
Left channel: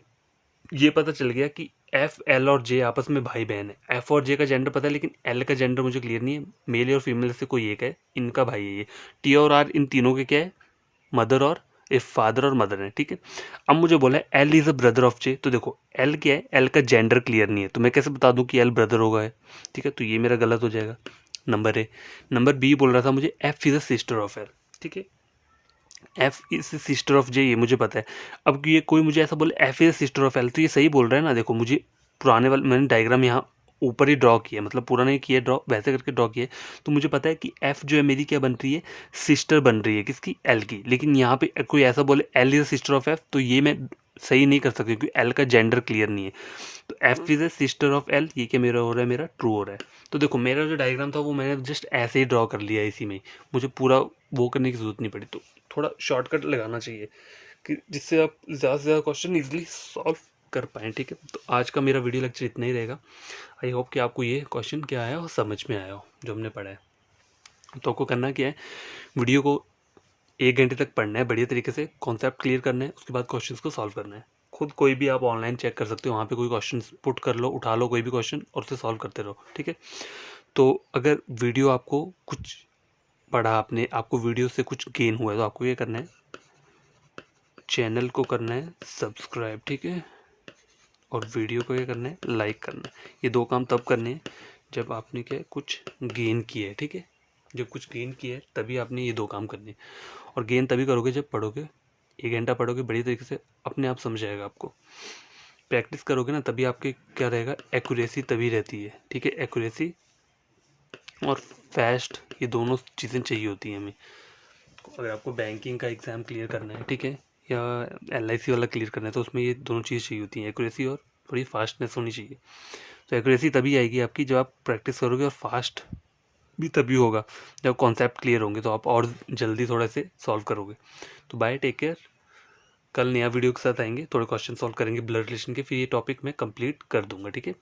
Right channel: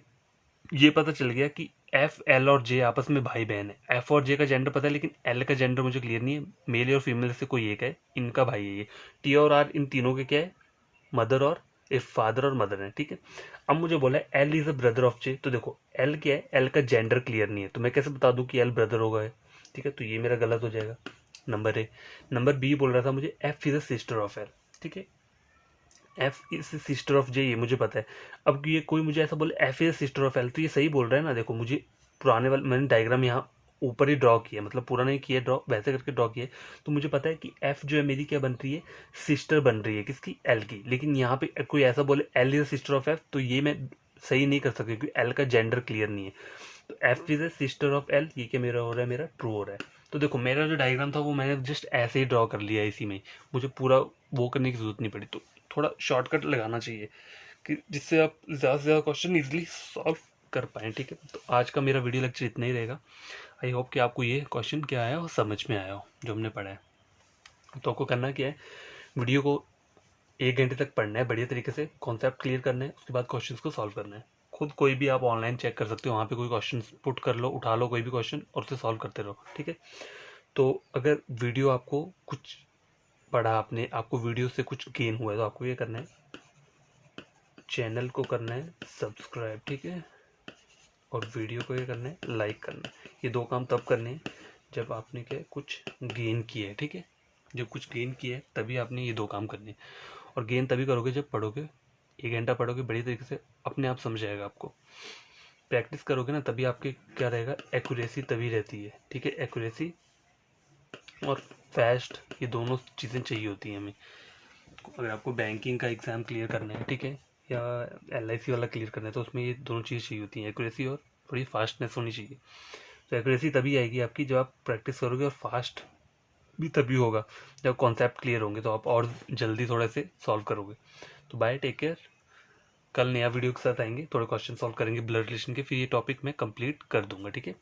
ये पता चल गया कि एफ एल और जे आपस में भाई बहन है। एफ और जे का जेंडर पता है, लेकिन एल का जेंडर मुझे क्लियर नहीं है, मेल और फीमेल से कोई एक है, इनका भाई है ये। टी और आर इन तीनों के क्या है, मदर और ए फादर और मदर है, ठीक है। अब मुझे बोला है L is a brother of J, तो देखो एल क्या है, एल का जेंडर क्लियर नहीं है, तो मैं कैसे बता दूं कि एल ब्रदर होगा है, ठीक है, तो ये मेरा गलत हो जाएगा। Number A. नंबर बी बोल रहा था मुझे F is a sister of L, ठीक है, F is sister of J, ये मुझे पता है। अब ये कोई मुझे ऐसा बोले F is sister of L, तो ये सही बोल रहा है ना। देखो मुझे पुराने वाले मैंने डायग्राम यहाँ ऊपर ही ड्रॉ किया, मतलब पूरा नहीं किया ड्रॉ, वैसे करके ड्रॉ किया, तो मुझे पता है कि एफ जो है मेरी क्या बन रही है, सिस्टर बन रही है किसकी, एल की। लेकिन यहाँ पे कोई ऐसा बोले L is sister of F, तो ये मैं सही नहीं कर सकती क्योंकि एल का जेंडर क्लियर नहीं है। तो F is a sister of L, ये क्या मेरा हो रहा है, मेरा ट्रू हो रहा है। तो देखो मेरा जो डायग्राम था वो मैंने जस्ट ऐसे ही ड्रॉ कर लिया इसी में, मुझे पूरा वो करने की जरूरत नहीं पड़ी। तो थोड़ा शॉर्टकट लगाना चाहिए कि जिससे आप ज़्यादा से ज़्यादा क्वेश्चन ईजिली सॉल्व कर पाएँ, ठीक है। तो आज का मेरा वीडियो लेक्चर इतना ही रहेगा। आई होप कि आपको ये क्वेश्चन क्या आया हो, समझ में आया हो जो हमने पढ़ा है। तो आपको करना क्या है, वीडियो को 1 घंटे तक पढ़ना है, बढ़िया तरीके से कॉन्सेप्ट क्लियर करना है, उसके बाद क्वेश्चंस को सॉल्व करना है। खुद कोई भी आप ऑनलाइन चेक कर सकते हो, वहाँ पे कोई क्वेश्चन पुट कर लो, उठा लो कोई भी क्वेश्चन और उसे सॉल्व करते रहो, ठीक है। तो अगर वीडियो आपको कुछ पढ़ा आपने, आपको वीडियो से कुछ गेन हुआ है, तो आपको ये करना है, चैनल को करना है सब्सक्राइब, ठीक है, और वीडियो को ये करना है लाइक करना है। ये 2 काम तब करने हैं जब आपने क्या कुछ गेन किया है, ठीक है। जब कुछ गेन किया है तभी आपने ये 2 काम करने हैं। और गेन तभी करोगे जब पढ़ोगे, 1 घंटा पढ़ोगे बढ़िया तरीके से, अपने आप समझ आएगा आपको। प्रैक्टिस करोगे ना तभी आपके क्या रहेगा, एक्यूरेसी तभी रहती है, ठीक है। एक्यूरेसी और फास्ट, ये दोनों चीज़ें चाहिए होती हैं हमें। अगर आपको बैंकिंग का एग्ज़ाम क्लियर करना है, ठीक है, या LIC वाला क्लियर करना है, तो उसमें ये दोनों चीज़ चाहिए होती हैं, एक्यूरेसी और थोड़ी फास्टनेस होनी चाहिए। तो एक्यूरेसी तभी आएगी आपकी जब आप प्रैक्टिस करोगे, और फास्ट भी तभी होगा जब कॉन्सेप्ट क्लियर होंगे, तो आप और जल्दी थोड़ा से सॉल्व करोगे। तो बाय, टेक केयर। कल नया वीडियो के साथ आएंगे, थोड़े क्वेश्चन सॉल्व करेंगे ब्लड रिलेशन के, फिर ये टॉपिक मैं कंप्लीट कर दूंगा, ठीक है।